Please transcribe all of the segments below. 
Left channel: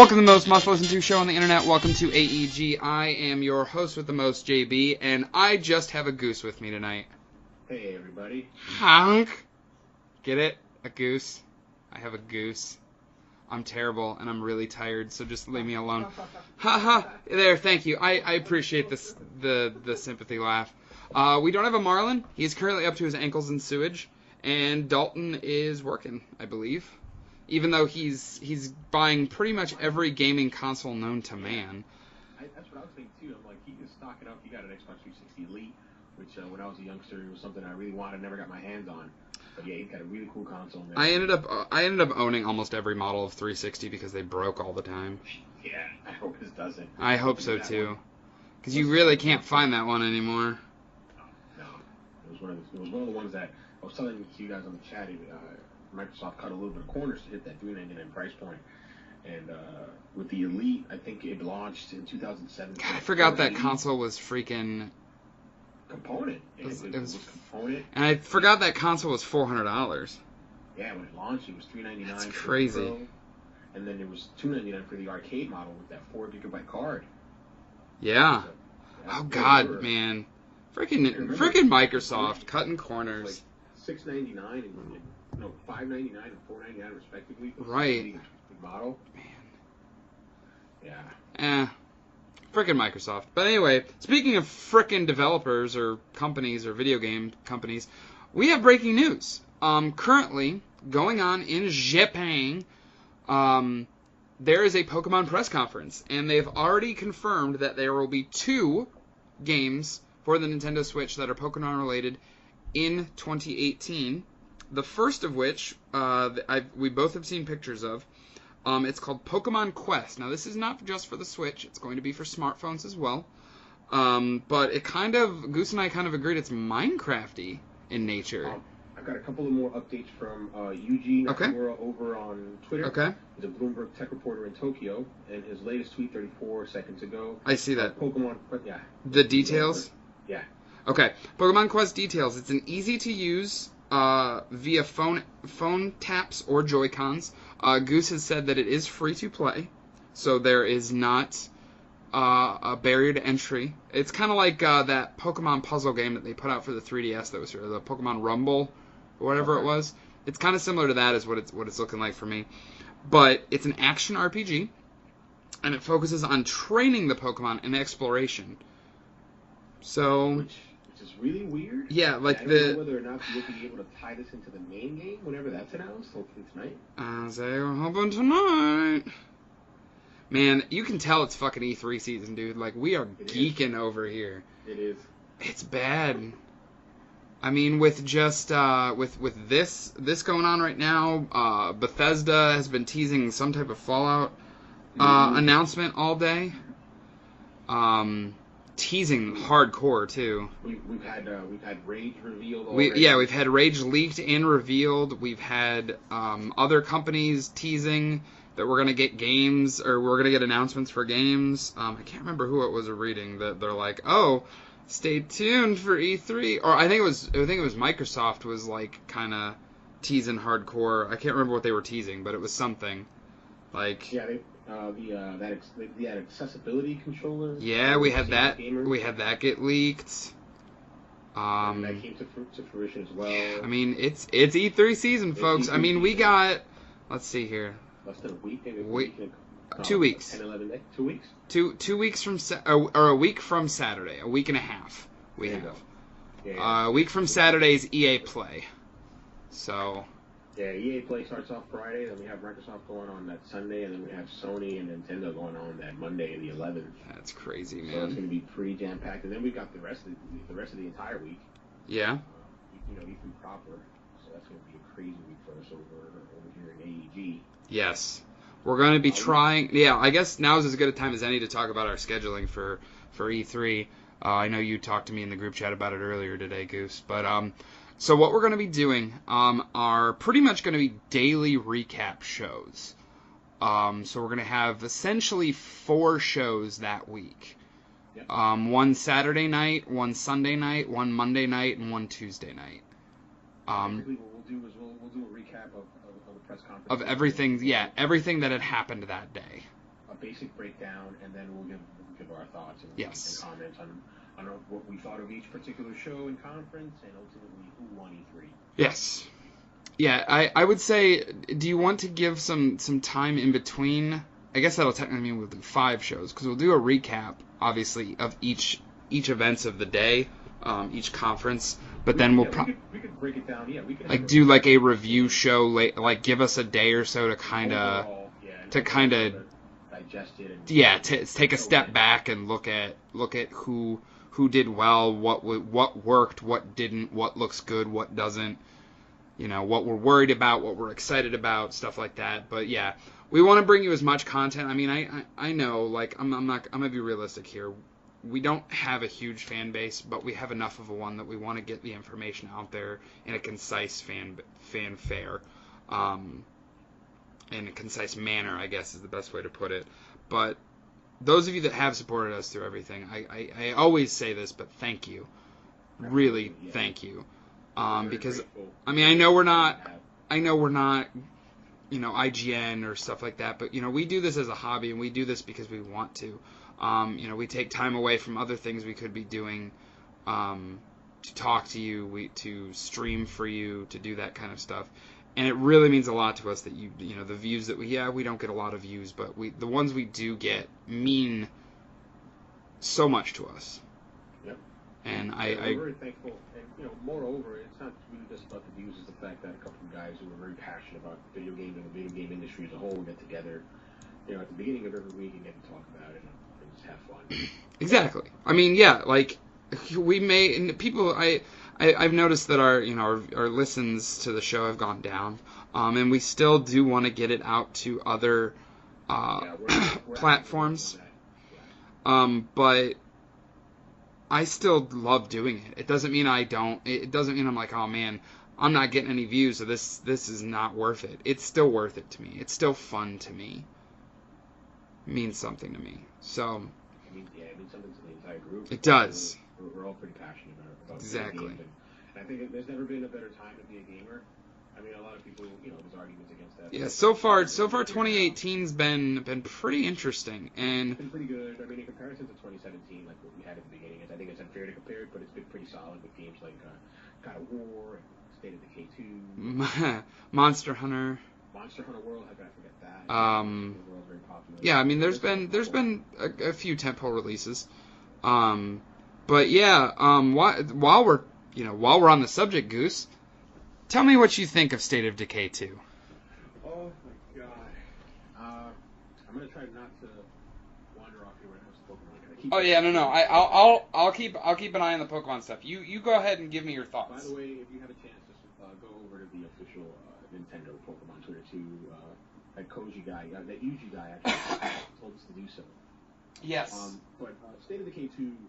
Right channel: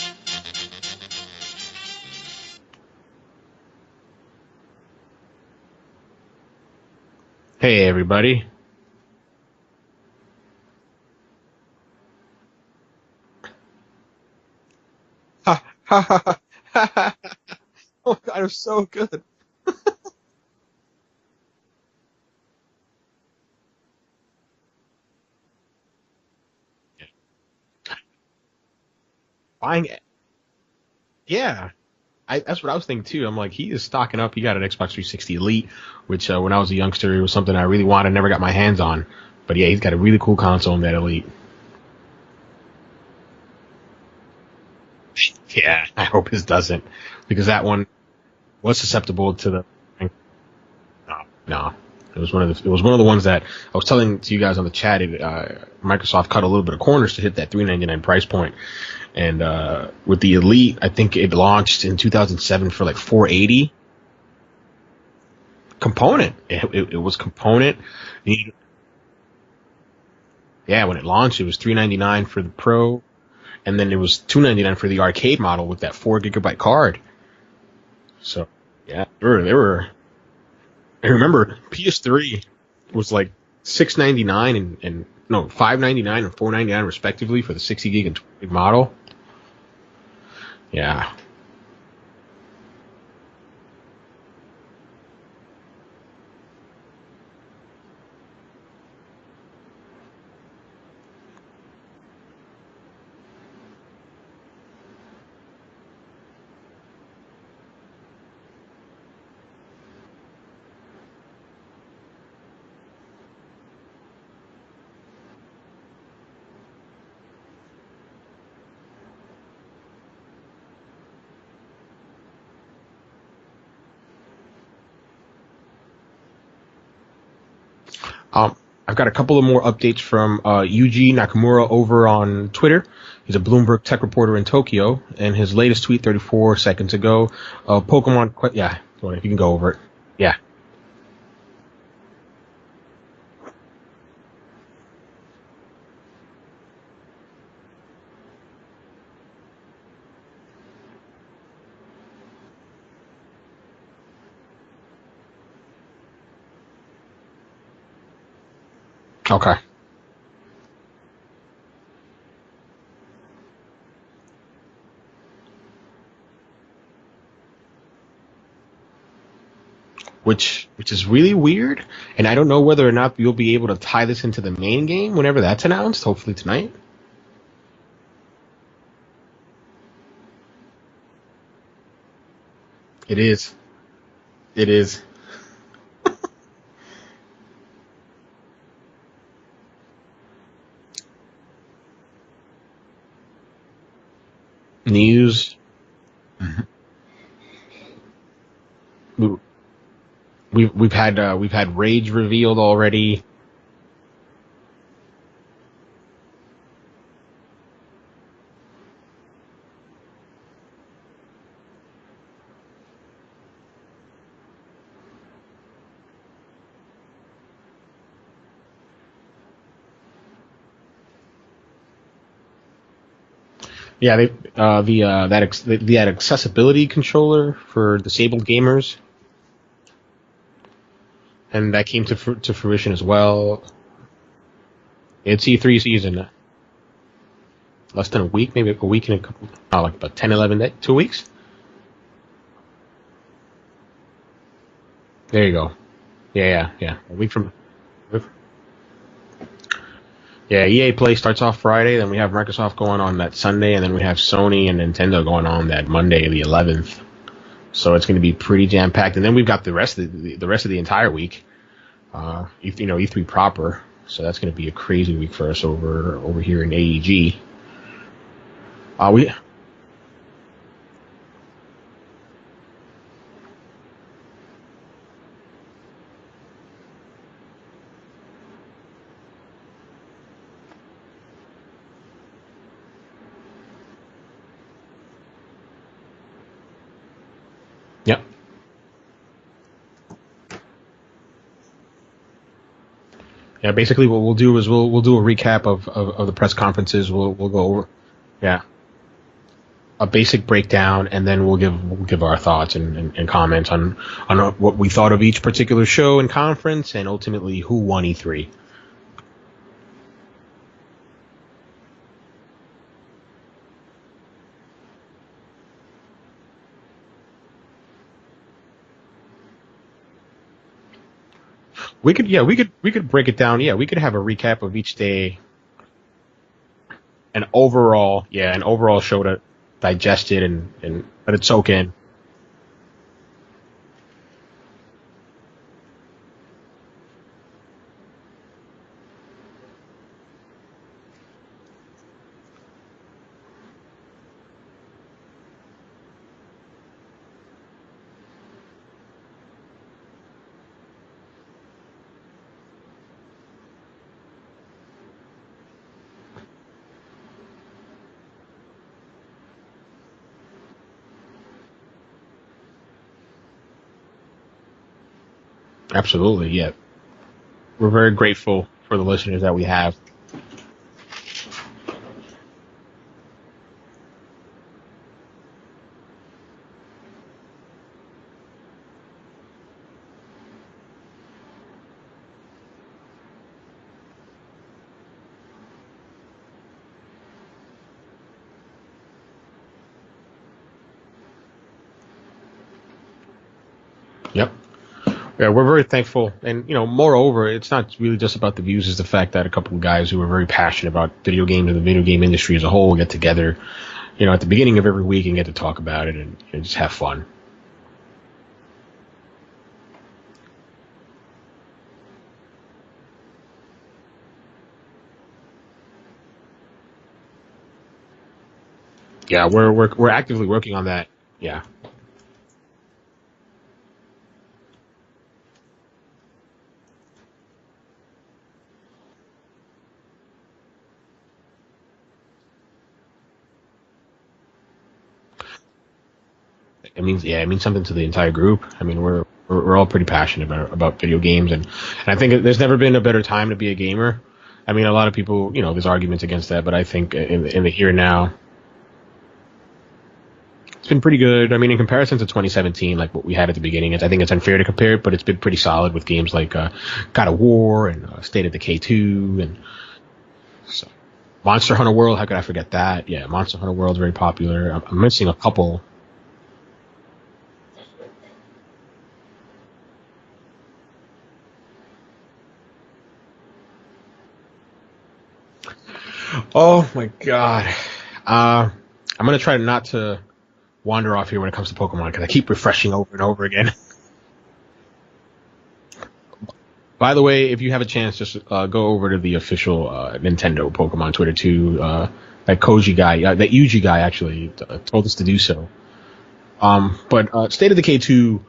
Welcome to the most must-listen to show on the internet. Welcome to AEG. I am your host with the most, JB, and I just have a goose with me tonight. Hey, everybody. Honk. Get it? A goose. I have a goose. I'm terrible, and I'm really tired, so just leave me alone. Ha ha. There, thank you. I appreciate the sympathy laugh. We don't have a Marlin. He's currently up to his ankles in sewage, and Dalton is working, I believe. Even though he's buying pretty much every gaming console known to man. That's what I was thinking too. I'm like, he is stocking up. He got an Xbox 360 Elite, which when I was a youngster, it was something I really wanted, never got my hands on. But yeah, he's got a really cool console in that Elite. I ended up owning almost every model of 360 because they broke all the time. Yeah, I hope his doesn't. I hope because that one was susceptible really can't to find that one anymore. No. It was one of the ones that I was telling to you guys on the chat. Microsoft cut a little bit of corners to hit that $399 price point, and with the Elite, I think it launched in 2007 for like $480. That console was freaking component. It was component. And I forgot that console was $400. Yeah, when it launched, it was $399 for the Pro, and then it was $299 for the arcade model with that 4 GB card. Yeah. So, yeah. Man. I remember Microsoft cutting corners. Was like $699 and $599 and $499 respectively for the 60 gig and 20 gig model. Yeah. Frickin' Microsoft. But anyway, speaking of frickin' developers or companies or video game companies, we have breaking news. Currently going on in Japan, there is a Pokemon press conference, and they've already confirmed that there will be 2 games for the Nintendo Switch that are Pokemon related in 2018. The first of which we both have seen pictures of. It's called Pokemon Quest. Now this is not just for the Switch. It's going to be for smartphones as well. But Goose and I kind of agreed it's Minecraft-y in nature. I've got a couple of more updates from Yuji Nakamura over on Twitter. Okay. He's a Bloomberg tech reporter in Tokyo, and his latest tweet 34 seconds ago. I see that. Pokemon Quest. Yeah. The details? Go over it. Yeah. Okay. Pokemon Quest details. It's an easy-to-use via phone taps or Joy-Cons. Goose has said that it is free to play, so there is not a barrier to entry. It's kind of like that Pokemon puzzle game that they put out for the 3DS that was the Pokemon Rumble, or whatever it was. It's kind of similar to that is what it's looking like for me. But it's an action RPG, and it focuses on training the Pokemon and exploration. So, which is really weird. Yeah. And I don't know whether or not you'll be able to tie this into the main game whenever that's announced. Hopefully tonight. As they're hoping tonight. Man, you can tell it's fucking E3 season, dude. Like, we are geeking over here. It is. It's bad. I mean, with just with this going on right now, Bethesda has been teasing some type of Fallout news announcement all day. Teasing hardcore too. We've had Rage revealed already. We've had Rage leaked and revealed. We've had other companies teasing that we're gonna get games or we're gonna get announcements for games. I can't remember who it was reading that they're like, oh, stay tuned for E3, or I think it was Microsoft was like kind of teasing hardcore. I can't remember what they were teasing, but it was something. Like, yeah, that accessibility controller for disabled gamers. We had that get leaked, and that came to fruition as well. I mean, it's E3 season. It's folks. E3 season. We got, let's see here, less than a week, maybe a week and a couple, 2 weeks. 10, 11 days, 2 weeks. 2 weeks from or a week from Saturday, a week and a half. There you go. Yeah. A week from Saturday's EA Play. So. Yeah, EA Play starts off Friday, then we have Microsoft going on that Sunday, and then we have Sony and Nintendo going on that Monday, the 11th. That's crazy. So it's going to be pretty jam packed, and then we've got the rest of the entire week. Yeah. E3 proper. So that's going to be a crazy week for us over here in AEG. Yes, we're going to be trying. Yeah, I guess now is as good a time as any to talk about our scheduling for E3. I know you talked to me in the group chat about it earlier today, Goose, but So what we're going to be doing are pretty much going to be daily recap shows. So we're going to have essentially 4 shows that week. Yep. One Saturday night, one Sunday night, one Monday night, and one Tuesday night. Yeah, basically what we'll do is we'll do a recap of the press conferences. Everything, we'll go over everything that happened that day. a basic breakdown, and then we'll give our thoughts and comments on what we thought of each particular show and conference, and ultimately who won E3. Yes. Yeah, I would say, do you want to give some time in between? I guess that'll technically mean we'll do 5 shows, because we'll do a recap, obviously, of each events of the day, each conference. We could break it down. Yeah, we could have a recap do like of a each review day. show, like give us a day or so to An overall show to digest it and take let it a soak step in. back and look at who did well, what worked, what didn't, what looks good, what doesn't. What we're worried about, what we're excited about, stuff like that. But yeah, we want to bring you as much content. I mean, I know, like, I'm gonna be realistic here. We don't have a huge fan base, but we have enough of a one that we want to get the information out there in a concise fanfare, in a concise manner, I guess is the best way to put it. But those of you that have supported us through everything, I always say this, but thank you. Absolutely, really, yeah. Thank you. We're very grateful for the listeners that we have. I know we're not, IGN or stuff like that, but, we do this as a hobby, and we do this because we want to. We take time away from other things we could be doing to talk to you, to stream for you, to do that kind of stuff. And it really means a lot to us that the views that we don't get a lot of views, but the ones we do get mean so much to us. Yep. Yeah, we're very thankful. And, moreover, it's not really just about the views. It's the fact that a couple of guys who are very passionate about video games and the video game industry as a whole get together, at the beginning of every week and get to talk about it and just have fun. Exactly. I mean, yeah, like, people, I've noticed that our listens to the show have gone down. And we still do want to get it out to other we're actively working on that. Yeah. But I still love doing it. It doesn't mean I don't. It doesn't mean I'm like, oh man, I'm not getting any views, so this is not worth it. It's still worth it to me. It's still fun to me. It means something to me. So it means something to the entire group. It does. We're all pretty passionate about video games, and I think there's never been a better time to be a gamer. I mean, a lot of people, there's arguments against that, but I think in the here now, 2018's been pretty interesting, and it's been pretty good. I mean, in comparison to 2017, like what we had at the beginning, I think it's unfair to compare it, but it's been pretty solid with games like God of War and State of Decay 2 and Monster Hunter. Monster Hunter World, how could I forget that? Yeah, Monster Hunter World is very popular. Yeah, I mean, I'm missing a couple. There's been a few tentpole releases, but yeah, while we're on the subject, Goose, tell me what you think of State of Decay 2. Oh my god, I'm gonna try not to wander off here when it comes to Pokemon because I keep refreshing over and over again. I'll keep an eye on the Pokemon stuff. You go ahead and give me your thoughts. By the way, if you have a chance, just go over to the official Nintendo Pokemon Twitter too. That Koji guy, that Yuji guy actually told us to do so. Yes. But State of Decay 2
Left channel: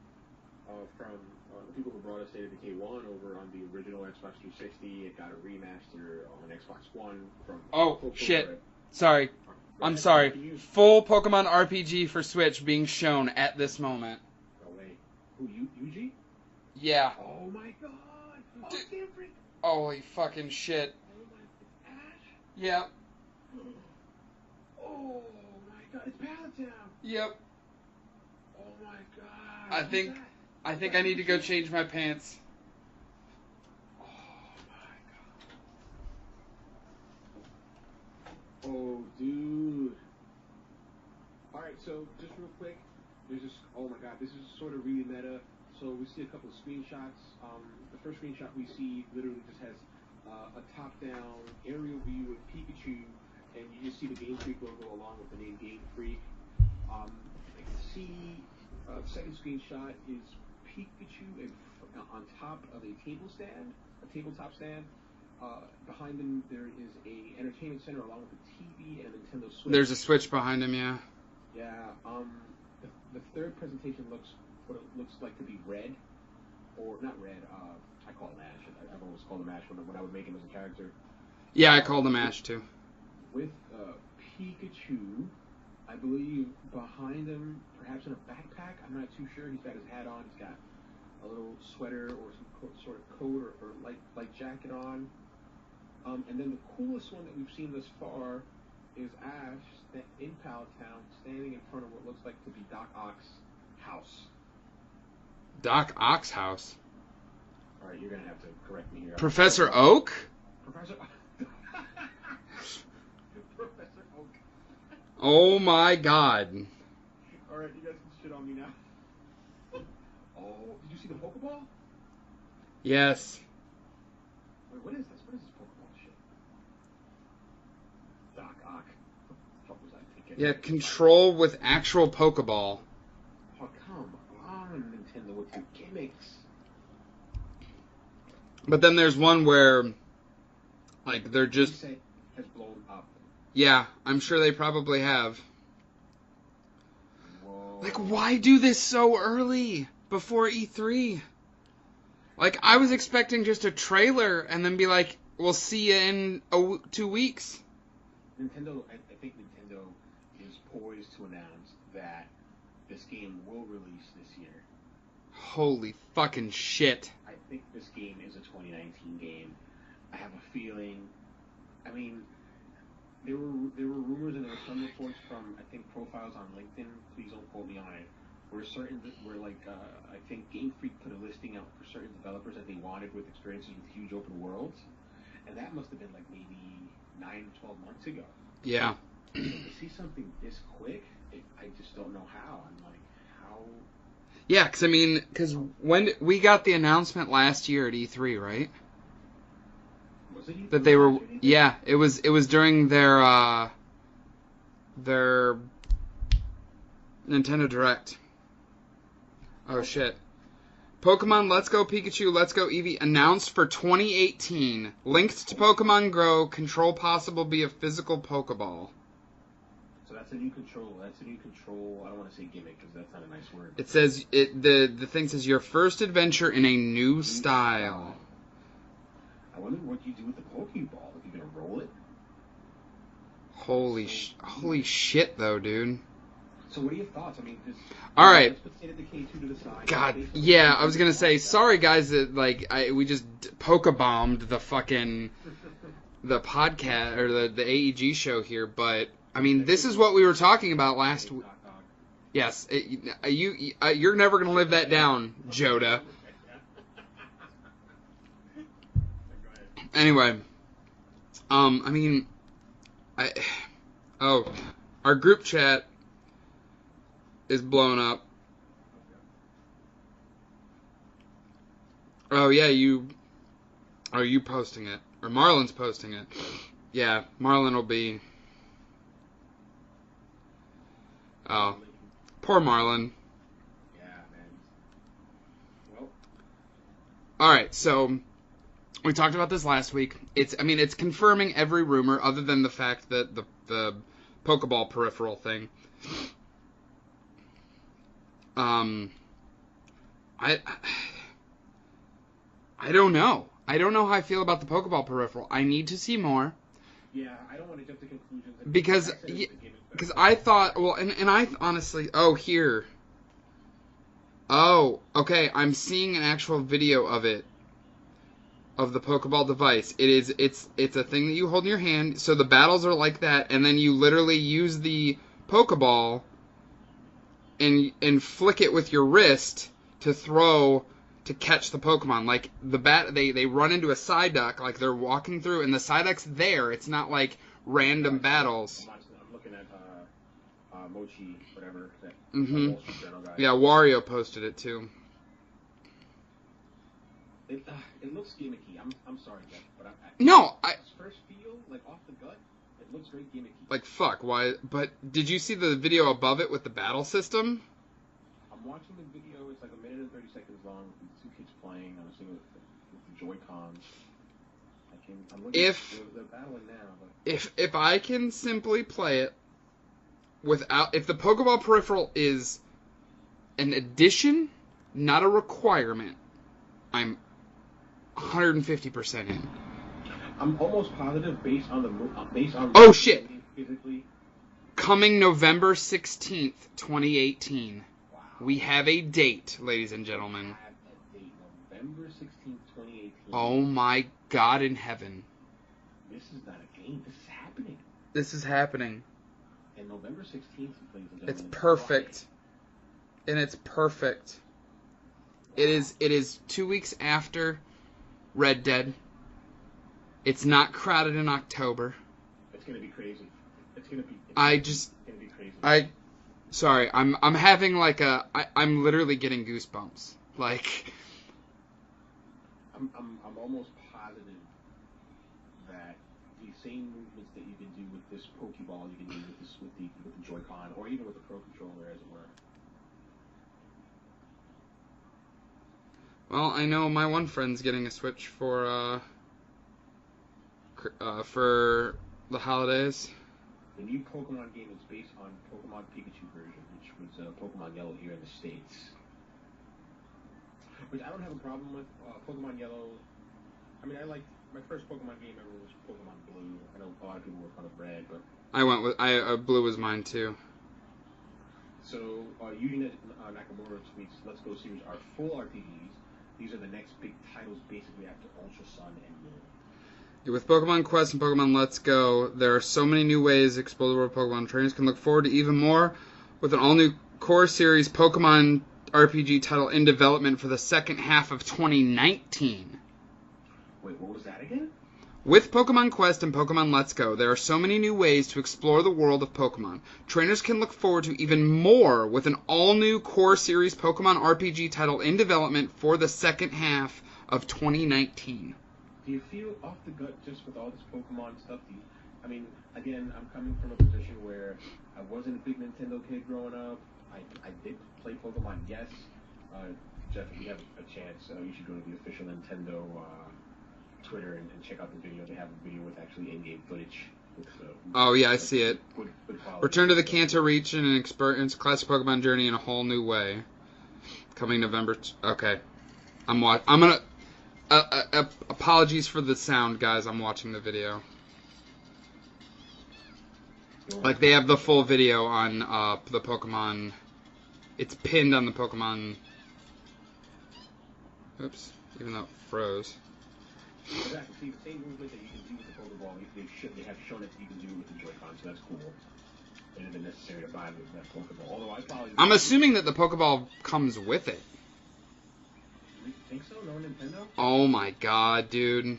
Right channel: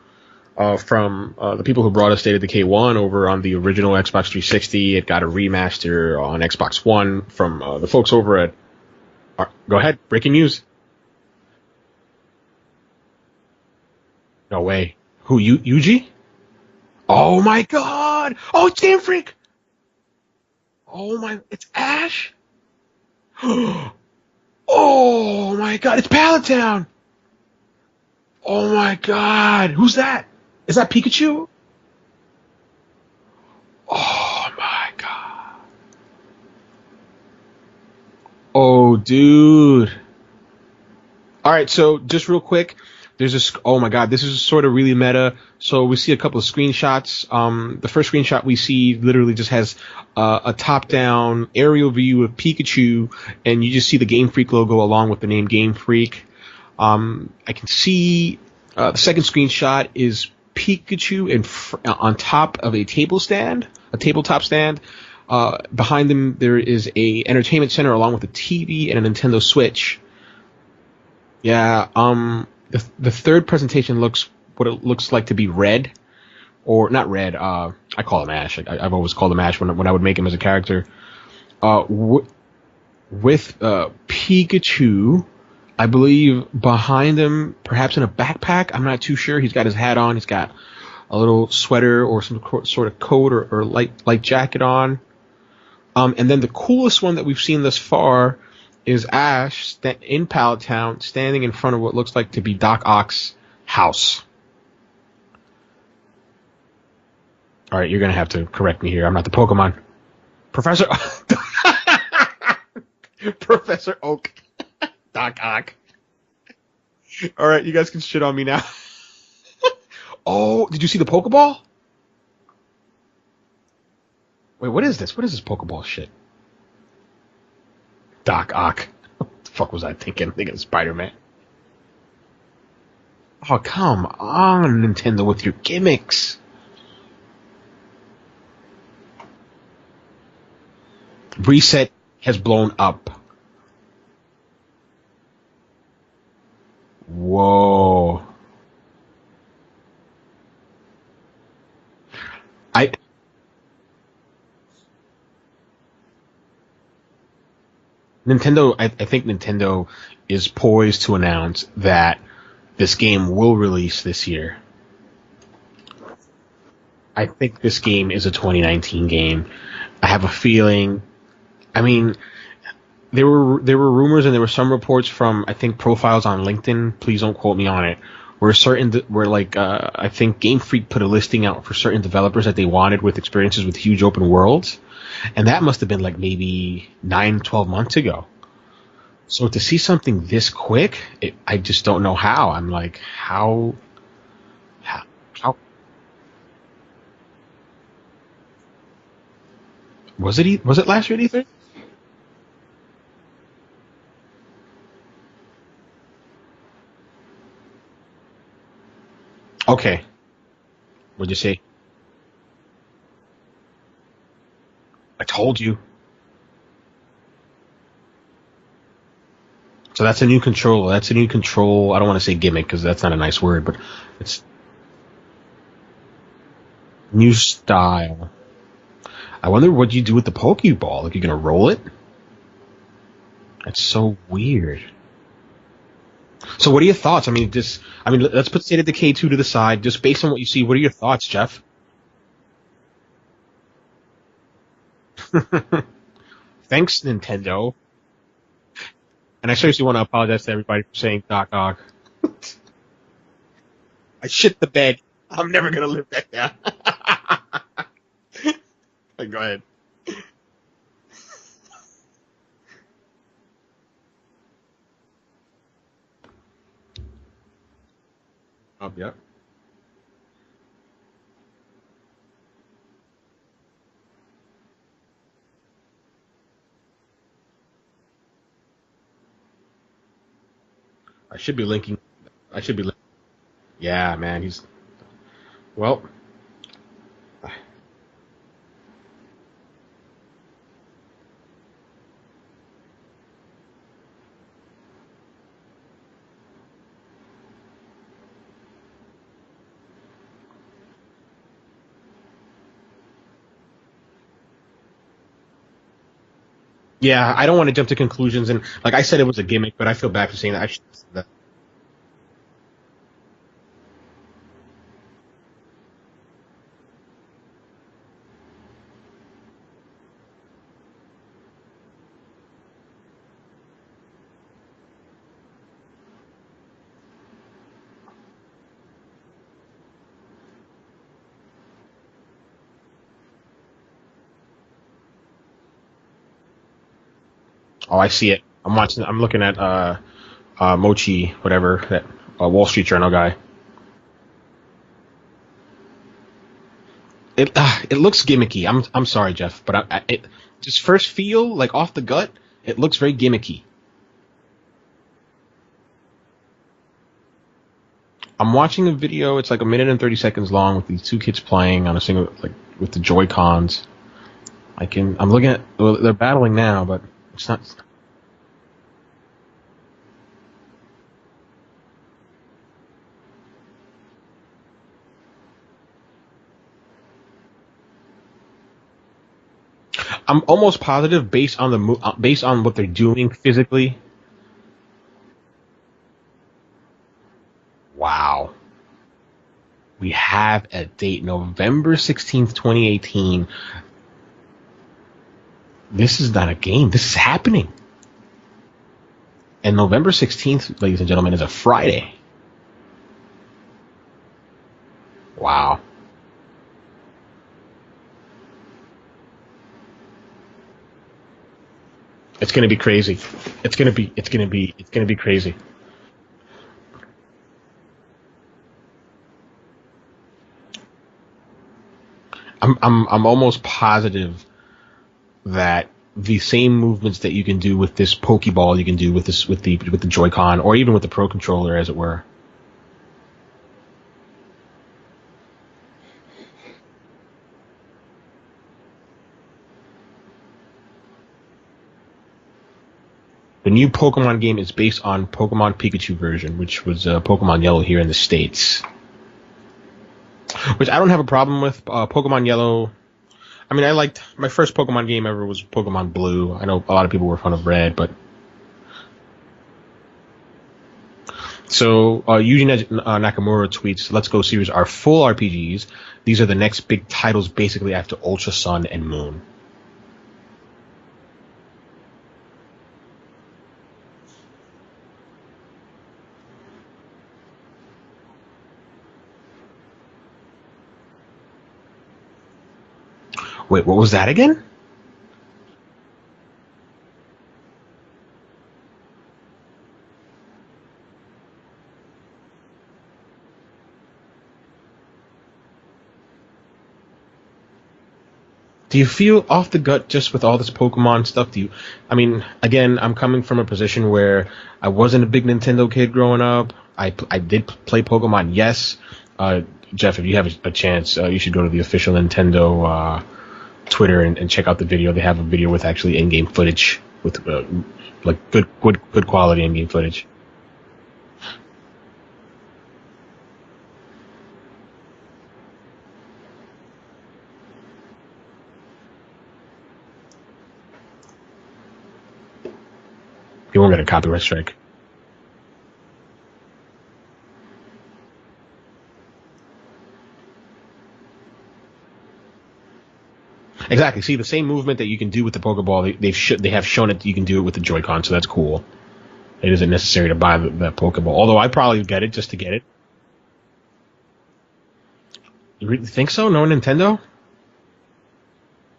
from the people who brought us State of Decay 1 over on the original Xbox 360, it got a remaster on Xbox One from the folks over at. Sorry. Go ahead. Sorry. Breaking news. Full Pokemon RPG for Switch being shown at this moment. No way. Who, Yuji? Yeah. Oh my god! Oh, it's Game Freak! Holy fucking shit. Oh my, it's Ash? Yeah. Oh my god, it's Pallet Town! Yep. Oh my god, who's that? Is that Pikachu? I need to go change my pants. Oh my god. Oh, dude. All right, so just real quick, there's this. Oh my god, this is sort of really meta. So we see a couple of screenshots. The first screenshot we see literally just has a top-down aerial view of Pikachu, and you just see the Game Freak logo along with the name Game Freak. I can see the second screenshot is Pikachu on top of a tabletop stand. Behind them, there is a entertainment center along with a TV and a Nintendo Switch. There's a Switch behind him, yeah. Yeah. The third presentation looks what it looks like to be red, or not red. I call him Ash. I've always called him Ash when I would make him as a character. Yeah, I call him Ash too. With Pikachu, I believe behind him, perhaps in a backpack. I'm not too sure. He's got his hat on. He's got a little sweater or some sort of coat or light jacket on. And then the coolest one that we've seen thus far is Ash in Pallet Town, standing in front of what looks like to be Doc Ock's house. Doc Ock's house. All right, you're gonna have to correct me here. I'm not Professor the Pokemon. Oak? Professor Professor Oak. Doc Ock. My God. All right, you guys can shit on me now. Oh, did you see the Pokeball? Yes. Wait, what is this? What is this Pokeball shit? Doc Ock. What the fuck was I thinking? Thinking Spider-Man. Control with actual Pokeball. Oh, come on, Nintendo, with your gimmicks. But then there's one where, like, they're Reset has blown up. Yeah, I'm sure they probably have. Whoa. Like, why do this so early before E3? Like, I was expecting just a trailer and then be like, we'll see you in 2 weeks. Nintendo, I think Nintendo is poised to announce that this game will release this year. Holy fucking shit. I think this game is a 2019 game. I have a feeling. I mean, there were rumors and there were some reports from, I think, profiles on LinkedIn. Please don't quote me on it. I think Game Freak put a listing out for certain developers that they wanted with experiences with huge open worlds, and that must have been like maybe 9-12 months ago. Yeah. So to see something this quick, I just don't know how. I'm like, how? Yeah, because when we got the announcement last year at E3, right? Was it last year at E3? Yeah, it was during their Nintendo Direct. Okay. Shit. Pokemon Let's Go Pikachu, Let's Go Eevee announced for 2018. Links to Pokemon Grow, control possible via physical Pokeball. So that's a new control. That's a new control. I don't want to say gimmick because that's not a nice word, but it says the thing says your first adventure in a new style. I wonder what you do with the Pokeball. Like, you gonna roll it? That's so weird. Holy shit, though, dude. So, what are your thoughts? Let's right. put State of Decay 2 to the side, just based on what you see. What are your thoughts, Jeff? Sorry, guys, that we just Pokebombed the fucking the podcast Thanks, or Nintendo. the AEG show here, but I seriously want to apologize to everybody for saying Doc Ock. Yes, you're never gonna live that down. I'm never gonna live that down. Go ahead. Anyway, our group chat is blown up. Yep. Oh yeah, you posting it or Marlon's posting it? Yeah, Marlon will be. I should be linking. Poor Marlon. Yeah, man, he's. Well. All right, so. We talked about this last week. It's confirming every rumor other than the fact that the Pokeball peripheral thing. I don't know. I don't know how I feel about the Pokeball peripheral. I need to see more. Yeah, I don't want to jump to conclusions, and like I said, it was a gimmick, but I feel bad for saying that. Well, and I honestly, here. Oh, okay. I'm seeing an actual video of it. Of the Pokeball device. It's a thing that you hold in your hand, so the battles are like that, and then you literally use the Pokeball and flick it with your wrist to throw to catch the Pokemon. Like they run into a Psyduck, like they're walking through, and the Psyduck's there. It's not like random I see battles. I'm looking at Mochi, whatever, that Wall Street Journal guy. Yeah, Wario posted it too. It looks gimmicky. I'm sorry, Jeff, but first feel, like off the gut, it looks very gimmicky. Like fuck, why? But did you see the video above it with the battle system? I'm watching a video. It's like 1 minute and 30 seconds long with these two kids playing on a single, like with the Joy-Cons. I'm looking at. They're battling now, but it's not. If I can simply play it without, if the Pokeball peripheral is an addition, not a requirement, I'm 150% in. I'm almost positive based on what they're doing physically. Coming November 16th, 2018. Wow. We have a date, ladies and gentlemen. We have a date, November 16th, 2018. Oh my God in heaven. This is not a game. This is happening. This is happening. And November 16th, ladies and gentlemen, is a Friday. Perfect. And it's perfect. Wow. It is 2 weeks after Red Dead. It's not crowded in October. It's gonna be crazy. It's gonna be crazy. I'm having like I'm literally getting goosebumps. Like, I'm almost positive that the same movements that you can do with this Pokeball, you can do with the Joy-Con, or even with the Pro Controller, as it were. Well, I know my one friend's getting a Switch for the holidays. The new Pokemon game is based on Pokemon Pikachu version, which was Pokemon Yellow here in the States. Which I don't have a problem with. Pokemon Yellow, I mean, I liked, my first Pokemon game ever was Pokemon Blue. I know a lot of people were fond of Red, but... Blue was mine too. So, Yuji Nakamura tweets, Let's Go series are full RPGs. These are the next big titles basically after Ultra Sun and Moon. With Pokemon Quest and Pokemon Let's Go, there are so many new ways to explore the world of Pokemon. Trainers can look forward to even more with an all-new core series Pokemon RPG title in development for the second half of 2019. Wait, what was that again? With Pokemon Quest and Pokemon Let's Go, there are so many new ways to explore the world of Pokemon. Trainers can look forward to even more with an all-new core series Pokemon RPG title in development for the second half of 2019. Do you feel off the gut just with all this Pokemon stuff? I mean, again, I'm coming from a position where I wasn't a big Nintendo kid growing up. I did play Pokemon, yes. Jeff, if you have a chance, you should go to the official Nintendo Twitter and check out the video. They have a video with actually in-game footage with I see it. Good quality in-game Return to footage. the Kanto region and experience classic Pokemon journey in a whole new way. Coming November. Okay, I'm gonna. Apologies for the sound, guys. I'm watching the video. You won't get a copyright They have strike. the full video on the Pokemon. It's pinned on the Pokemon. Oops, even though it froze. Exactly. See, the same movement that you can do with the Pokeball, they have shown it that you can do it with the Joy-Con, so that's cool. It isn't necessary to buy the Pokeball, although I probably get it. I'm assuming that the Pokeball comes with it. You really think so? No Nintendo? Oh my god, dude.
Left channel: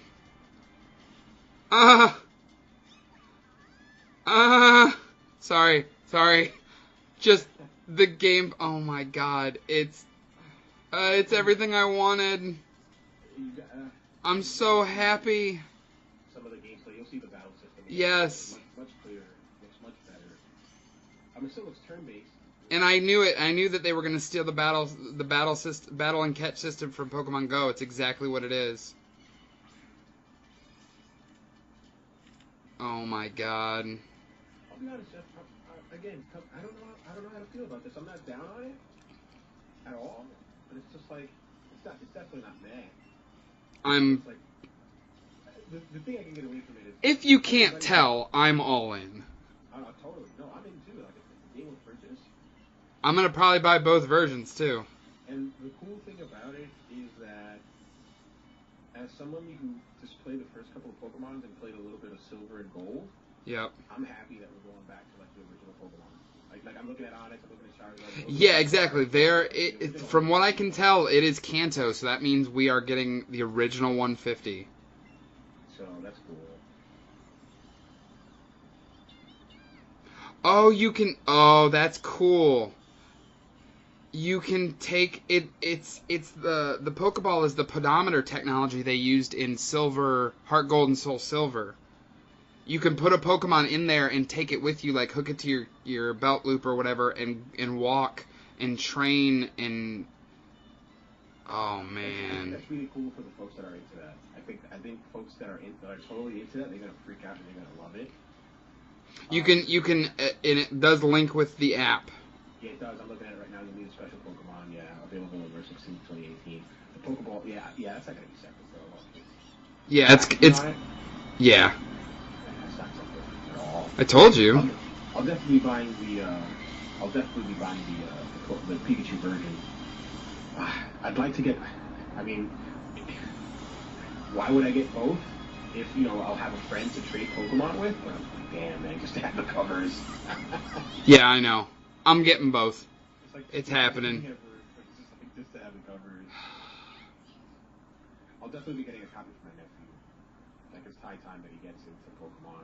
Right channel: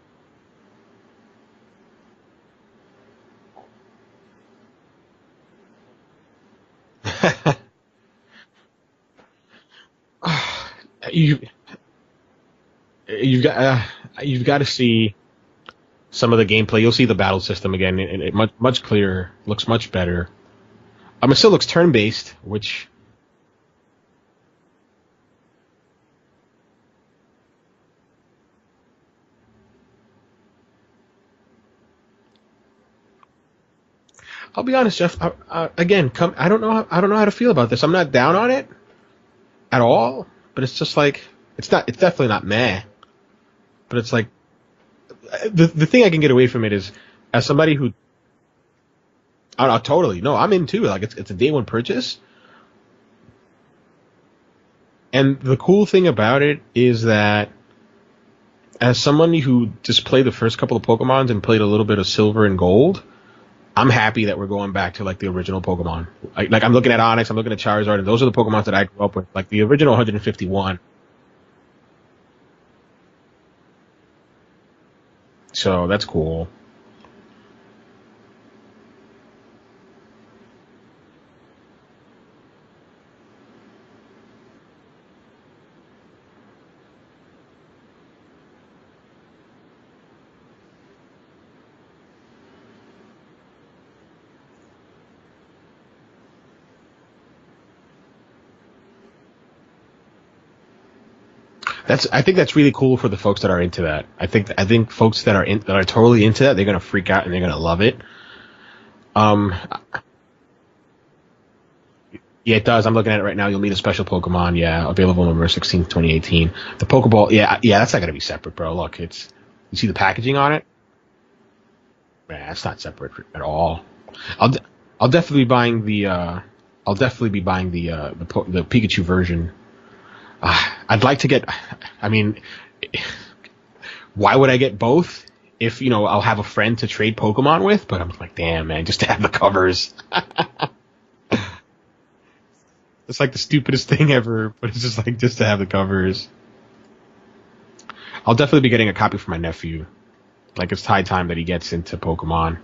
Sorry. Just the game. Oh my god, it's everything I wanted. You've got to see happy. some of the gameplay. You'll see the battle system again. Yes. Much clearer. Looks much better. It still looks turn-based, which... And I knew it. I knew that they were going to steal the battle and catch system from Pokemon Go. It's exactly what it is. Oh my god. I'll be honest, Jeff. I don't know how to feel about this. I'm not down on it at all, but it's just like it's definitely not meh. But it's like the thing I can get away from it is, if you as somebody can't tell, I'm all in. Oh, totally. No, I'm in too. Like it's a day one purchase. I'm gonna probably buy both versions too. And the cool thing about it is that, as someone who just played the first couple of Pokemons and played a little bit of Silver and Gold, yep. I'm happy that we're going back to like the original Pokemon. Like I'm looking at Onix, I'm looking at Charizard, and those are the Pokemon that I grew up with. Like the original 151. From what I can tell, it is Kanto, so that means we are getting the original 150. So that's cool. Oh, you can. Oh, that's cool. You can take it. It's the Pokeball is the pedometer technology they used in Silver, Heart Gold, and Soul Silver. You can put a Pokemon in there and take it with you, like hook it to your belt loop or whatever, and walk and train and. Oh, I think that's really cool for the folks that are into that. I think folks that are totally into that, they're gonna freak out and they're gonna love it. You can, and it does link with the app. Yeah, it does. I'm looking at it right now. You'll meet a special Pokemon. Yeah, available November 16th, 2018. The Pokeball. Yeah, that's not gonna be separate, bro. Look, you see the packaging on it. Yeah. Man, it's not separate at all. I told you. I'll definitely be buying the. The Pikachu version. I'd like to get. I mean, why would I get both? if I'll have a friend to trade Pokemon with, but I'm like, damn man, just to have the covers. Yeah, I know. I'm getting both. It's like the stupidest thing ever, but it's just like just to have the covers. I'll definitely be getting a copy for my nephew. Like, it's high time that he gets into Pokemon.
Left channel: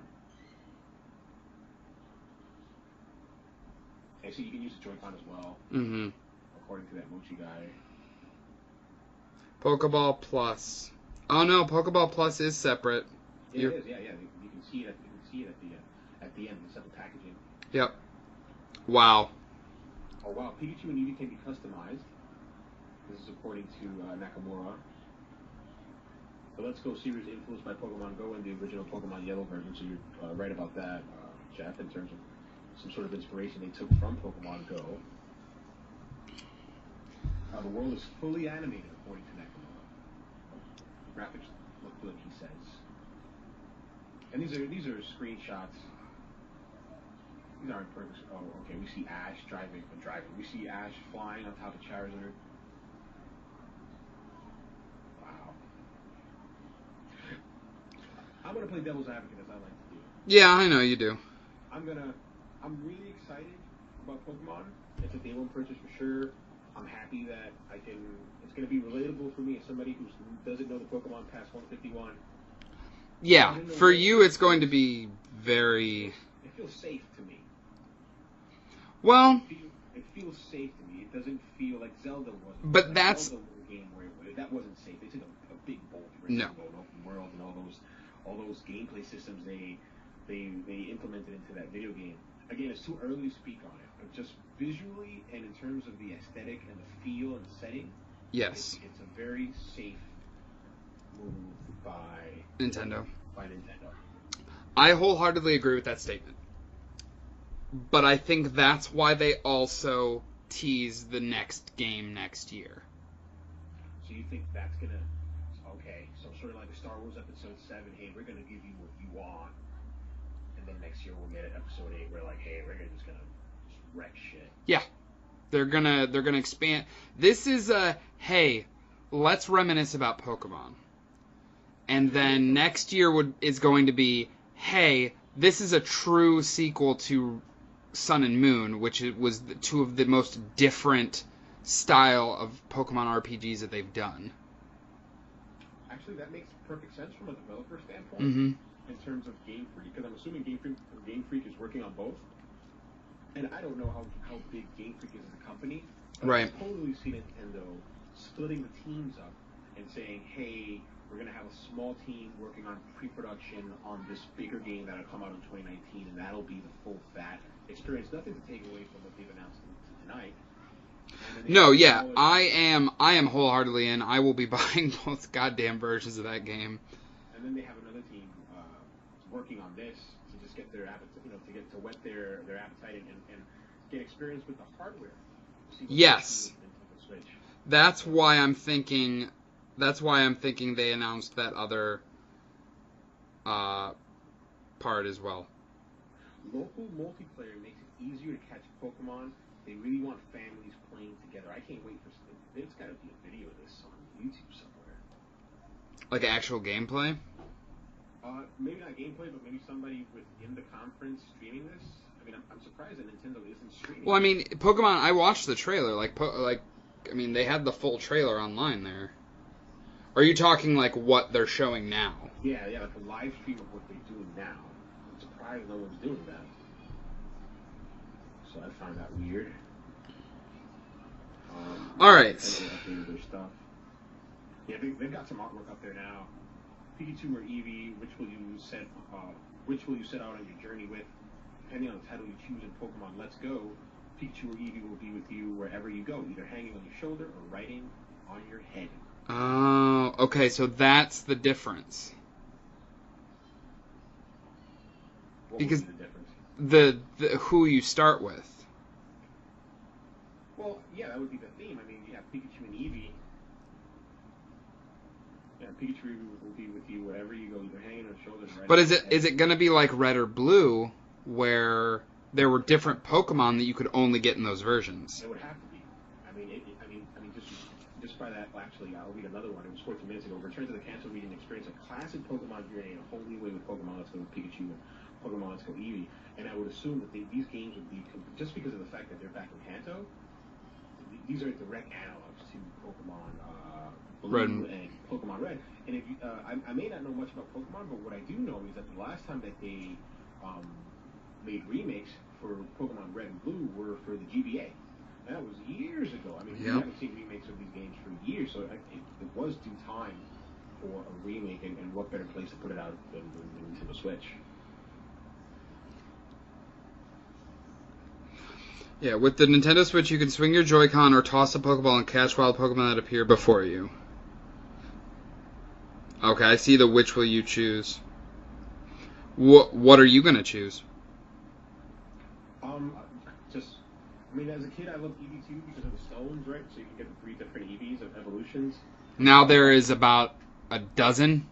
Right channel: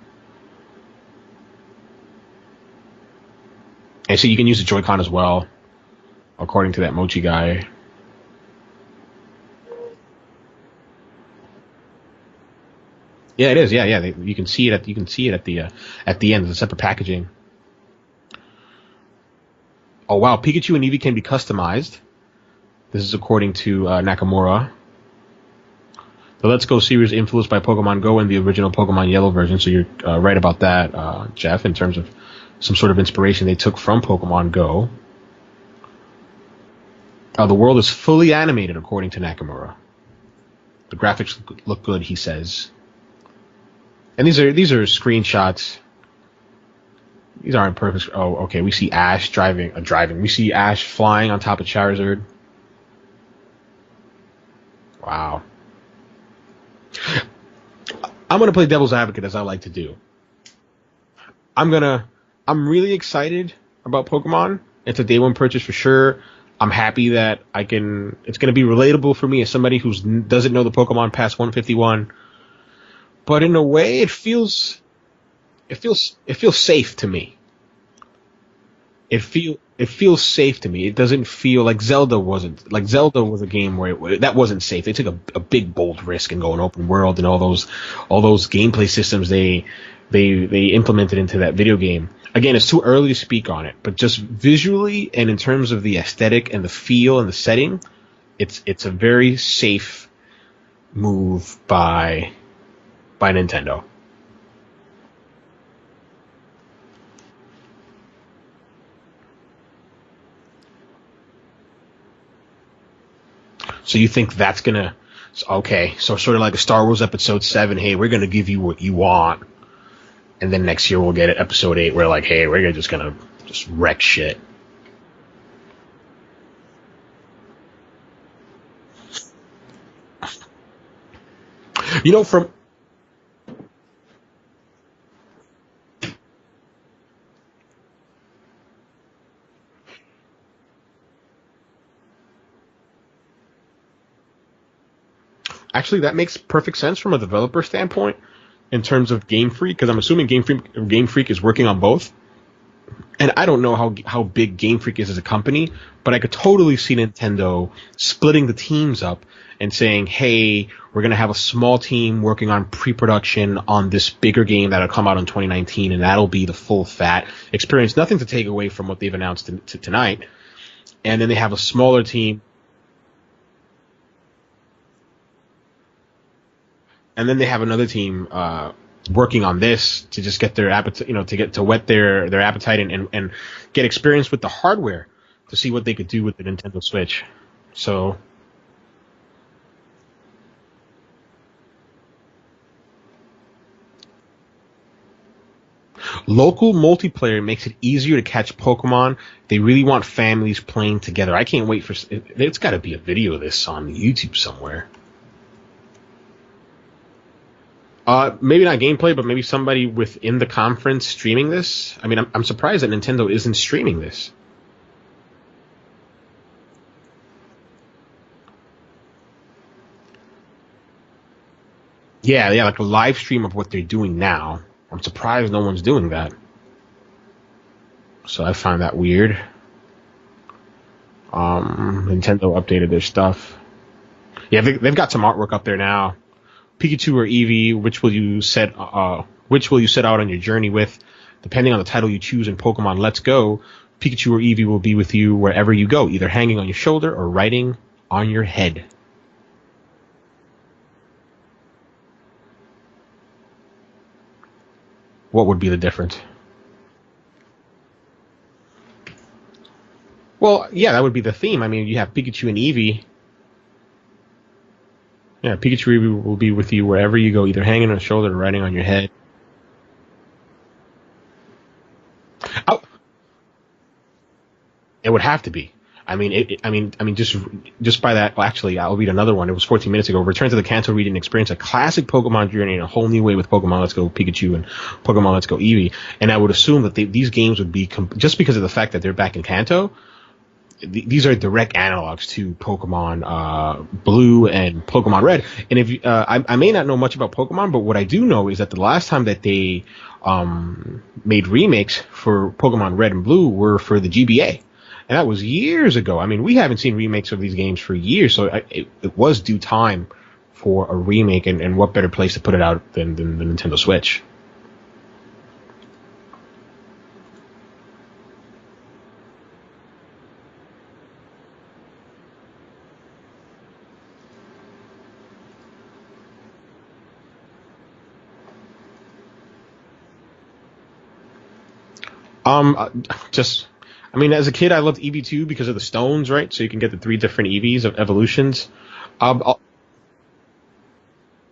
And so you can use the Joy-Con as well, according to that Mochi guy. Pokeball Plus. Oh no, Pokeball Plus is separate. Yeah, it is. Yeah. You can see it at the end of the separate packaging. Yep. Wow. Oh wow, Pikachu and Eevee can be customized. This is according to Nakamura. The Let's Go series influenced by Pokemon Go and the original Pokemon Yellow version. So you're right about that, Jeff, in terms of some sort of inspiration they took from Pokemon Go. The world is fully animated, according to Nakamura. The graphics look good, he says. And these are screenshots. These aren't perfect. Oh, okay. We see Ash driving. We see Ash flying on top of Charizard. Wow. I'm gonna play devil's advocate, as I like to do. Yeah, I know you do. I'm really excited about Pokemon. It's a day one purchase for sure. I'm happy that it's gonna be relatable for me as somebody who doesn't know the Pokemon past 151. But in a way, for you, it feels it's going to be very. It feels safe to me. Well, it feels safe to me. It doesn't feel like Zelda wasn't. Like Zelda was a game where that wasn't safe. They took a big bold risk in going open world and all those gameplay systems they implemented into that video game. Again, it's too early to speak on it, but just visually and in terms of the aesthetic and the feel and the setting, yes. it's a very safe move by Nintendo. I wholeheartedly agree with that statement. But I think that's why they also tease the next game next year. So you think that's gonna... Okay, so sort of like a Star Wars Episode 7, hey, we're gonna give you what you want. And then next year we'll get it Episode 8, where like, hey, we're just gonna wreck shit. Yeah. They're gonna expand. This is hey, let's reminisce about Pokemon. And next year is going to be, hey, this is a true sequel to Sun and Moon, which was two of the most different style of Pokemon RPGs that they've done. Actually, that makes perfect sense from a developer standpoint in terms of Game Freak, because I'm assuming Game Freak is working on both. And I don't know how big Game Freak is as a company, but I could totally see Nintendo splitting the teams up and saying, hey, we're going to have a small team working on pre-production on this bigger game that'll come out in 2019, and that'll be the full fat experience. Nothing to take away from what they've announced tonight. And then they have a smaller team. I am wholeheartedly in. I will be buying both goddamn versions of that game. And then they have another team working on this to just get their appetite, to whet their appetite and get experience with the hardware to see what they can do with the Nintendo Switch. That's why I'm thinking they announced that other part as well. Local multiplayer makes it easier to catch Pokemon. They really want families playing together. I can't wait for... It's got to be a video of this on YouTube somewhere. Like actual gameplay? Maybe not gameplay, but maybe somebody within the conference streaming this. I mean, I'm surprised that Nintendo isn't streaming this. Well, I mean, Pokemon, I watched the trailer. I mean, they had the full trailer online there. Are you talking like what they're showing now? Yeah, like a live stream of what they're doing now. I'm surprised no one's doing that. So I find that weird. Nintendo updated their stuff. Yeah, they've got some artwork up there now. Pikachu or Eevee, which will you set out on your journey with? Depending on the title you choose in Pokemon Let's Go, Pikachu or Eevee will be with you wherever you go, either hanging on your shoulder or riding on your head. Oh, okay, so that's the difference. What would be the difference? The who you start with. Well, yeah, that would be the theme. I mean, you have Pikachu and Eevee. Yeah, Pikachu and Eevee will be with you wherever you go, either hanging on your shoulder or riding on your head. But is it going to be like Red or Blue, where there were different Pokemon that you could only get in those versions? It would have to be. just by that. Well, actually, I'll read another one. It was 14 minutes ago. Return to the Kanto region, experience a classic Pokemon journey in a whole new way with Pokemon Let's Go Pikachu and Pokemon Let's Go Eevee. And I would assume that these games would be just because of the fact that they're back in Kanto. These are direct analogs to Pokemon Blue and Pokemon Red. And if I may not know much about Pokemon, but what I do know is that the last time that they made remakes for Pokemon Red and Blue were for the GBA. And that was years ago. I mean, we haven't seen remakes of these games for years, so it was due time for a remake, and what better place to put it out than the Nintendo Switch? Yeah, with the Nintendo Switch, you can swing your Joy-Con or toss a Pokeball and catch wild Pokemon that appear before you. Okay, I see the which will you choose. What are you going to choose? As a kid, I loved Eevee 2 because of the stones, right? So you can get the 3 different Eevees of evolutions. Now there is about a dozen.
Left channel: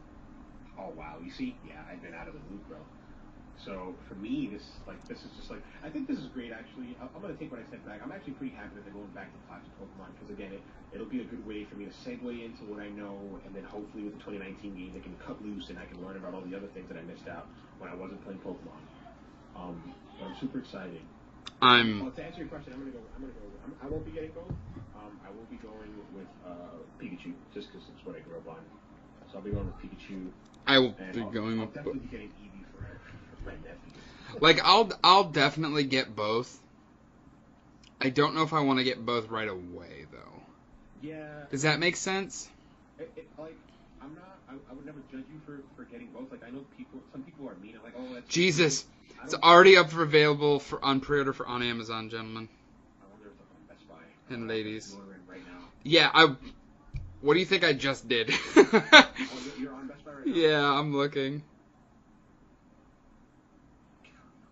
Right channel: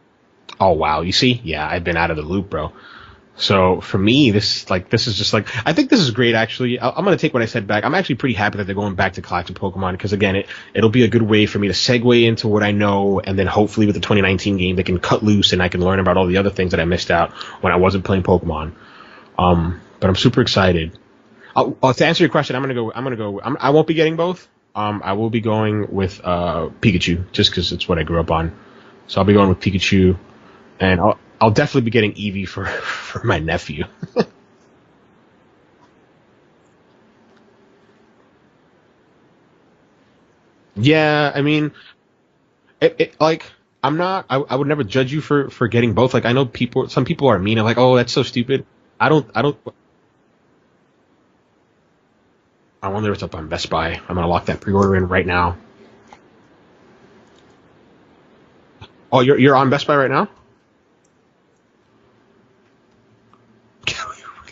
Oh, wow. You see? Yeah, I've been out of the loop, bro. So for me, this is just like, I think this is great, actually. I'm going to take what I said back. I'm actually pretty happy that they're going back to collecting Pokemon because, again, it'll be a good way for me to segue into what I know, and then hopefully with the 2019 game, they can cut loose and I can learn about all the other things that I missed out when I wasn't playing Pokemon. But I'm super excited. To answer your question, I won't be getting both. I will be going with Pikachu just because it's what I grew up on. So I'll be going with Pikachu. And I'll definitely be getting Eevee for my nephew. Like I'll definitely get both. I don't know if I want to get both right away though. Yeah, I mean, does that make sense? I would never judge you for getting both. Like I know some people are mean. I'm like, oh, that's so stupid. Jesus. I don't. Already up for available on pre-order on Amazon, gentlemen. I wonder if it's up on Best Buy. I'm gonna lock that pre-order in right now. Yeah, what do you think I just did? Oh, you're on Best Buy right now? Yeah, I'm looking.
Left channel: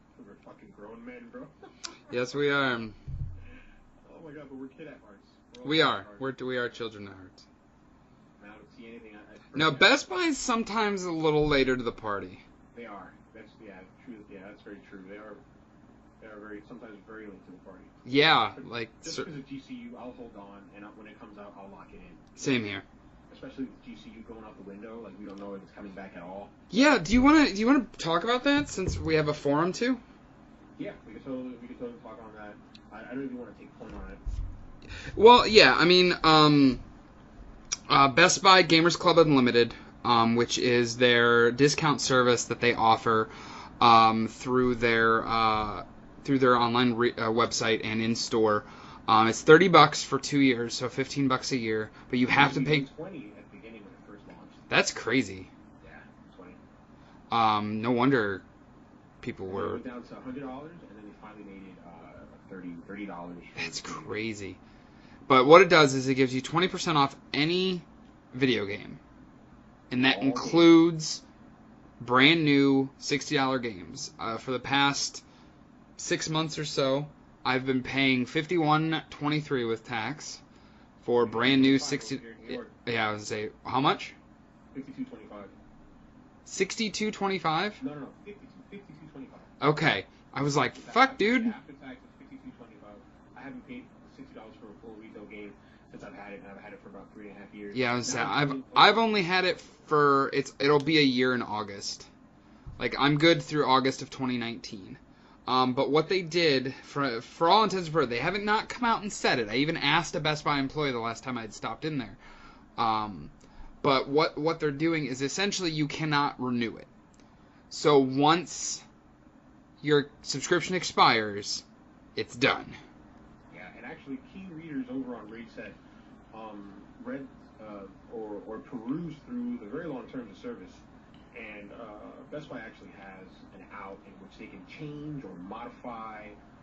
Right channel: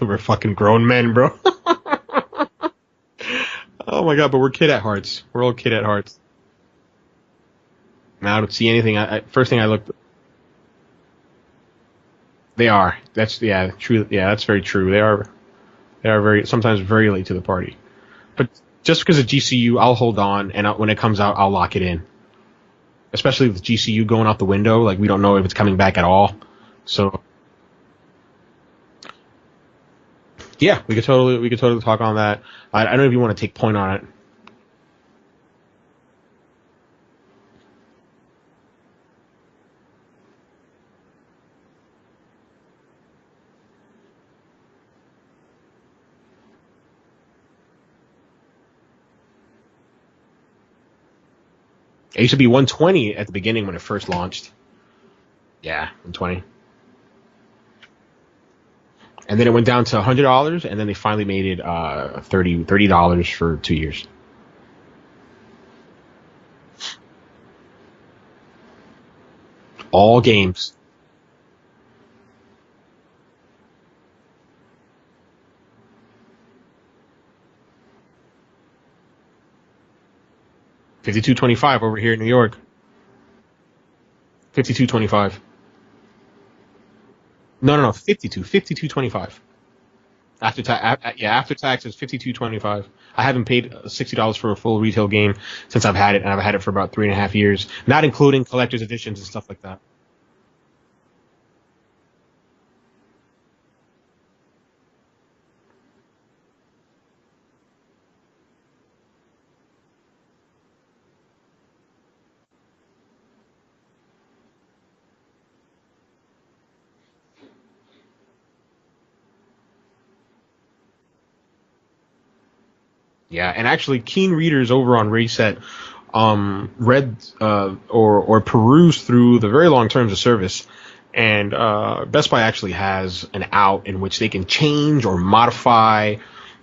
We're fucking grown men, bro. Yes, we are. Oh my god, but we're kid at hearts. We're all kid at hearts. We are children at hearts. Now I don't see anything. First thing I look. Best Buy is sometimes a little later to the party. They are. That's true. Yeah, that's very true. They are sometimes very late to the party. Yeah. But just because of GCU, I'll hold on, and when it comes out, I'll lock it in. Same here. Especially with GCU going out the window, like we don't know if it's coming back at all. Yeah. So, do you want to talk about that since we have a forum too? Yeah, we could totally talk on that. I don't know if you want to take point on it. Well, yeah. I mean, Best Buy Gamers Club Unlimited, which is their discount service that they offer through their online website and in store. It's $30 for 2 years, so $15 a year. It used to be $120 at the beginning when it first launched. That's crazy. Yeah, $120. No wonder. And then it went down to $100, and then they finally made it $30 for 2 years. Crazy. But what it does is it gives you 20% off any video game. And all that games. Includes brand new $60 games. For the past 6 months or so, I've been paying $51.23 with tax. $52.25 over here in New York. Yeah, I was gonna say how much? $52.25. $62.25? No, $52.25. Okay. After tax is $52.25. I haven't paid $60 for a full retail game since I've had it, and I've had it for about 3.5 years, not including collector's editions. I've only had it for it'll be a year in August. Like I'm good through August of 2019. But what they did, for all intents and purposes, they haven't not come out and said it. I even asked a Best Buy employee the last time I had stopped in there. But what they're doing is essentially you cannot renew it. So once your subscription expires, it's done. Yeah, and actually, keen readers over on Reset read or perused through the very long terms of service. And Best Buy actually has an out in which they can change or modify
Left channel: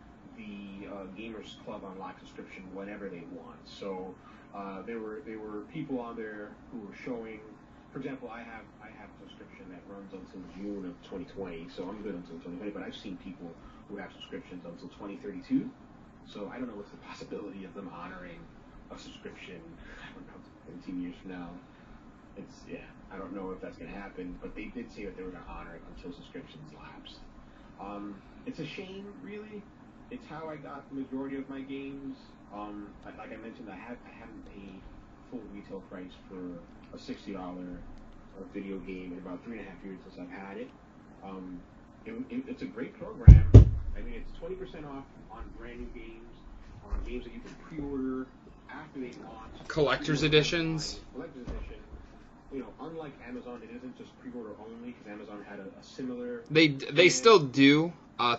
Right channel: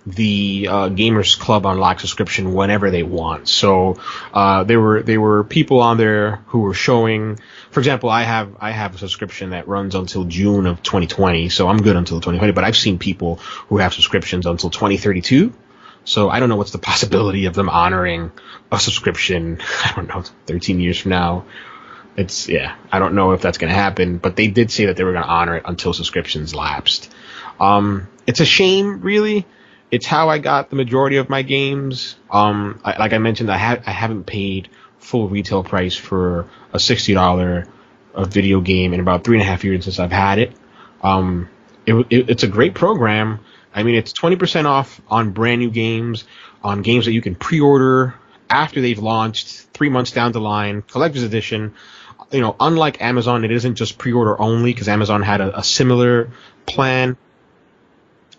the Gamers Club Unlocked subscription whenever they want. So there were people on there who were showing, for example, I have a subscription that runs until June of 2020, so I'm good until 2020. But I've seen people who have subscriptions until 2032. So I don't know what's the possibility of them honoring a subscription, I don't know, 13 years from now. I don't know if that's going to happen, but they did say that they were going to honor it until subscriptions lapsed. It's a shame, really, It's how I got the majority of my games. Like I mentioned, I haven't paid full retail price for a $60 a video game in about 3.5 years since I've had it. It's a great program. I mean, it's 20% off on brand new games, on games that you can pre-order after they've launched, 3 months down the line. Collector's edition. Unlike Amazon, it isn't just pre-order only, because Amazon had a similar plan. They still do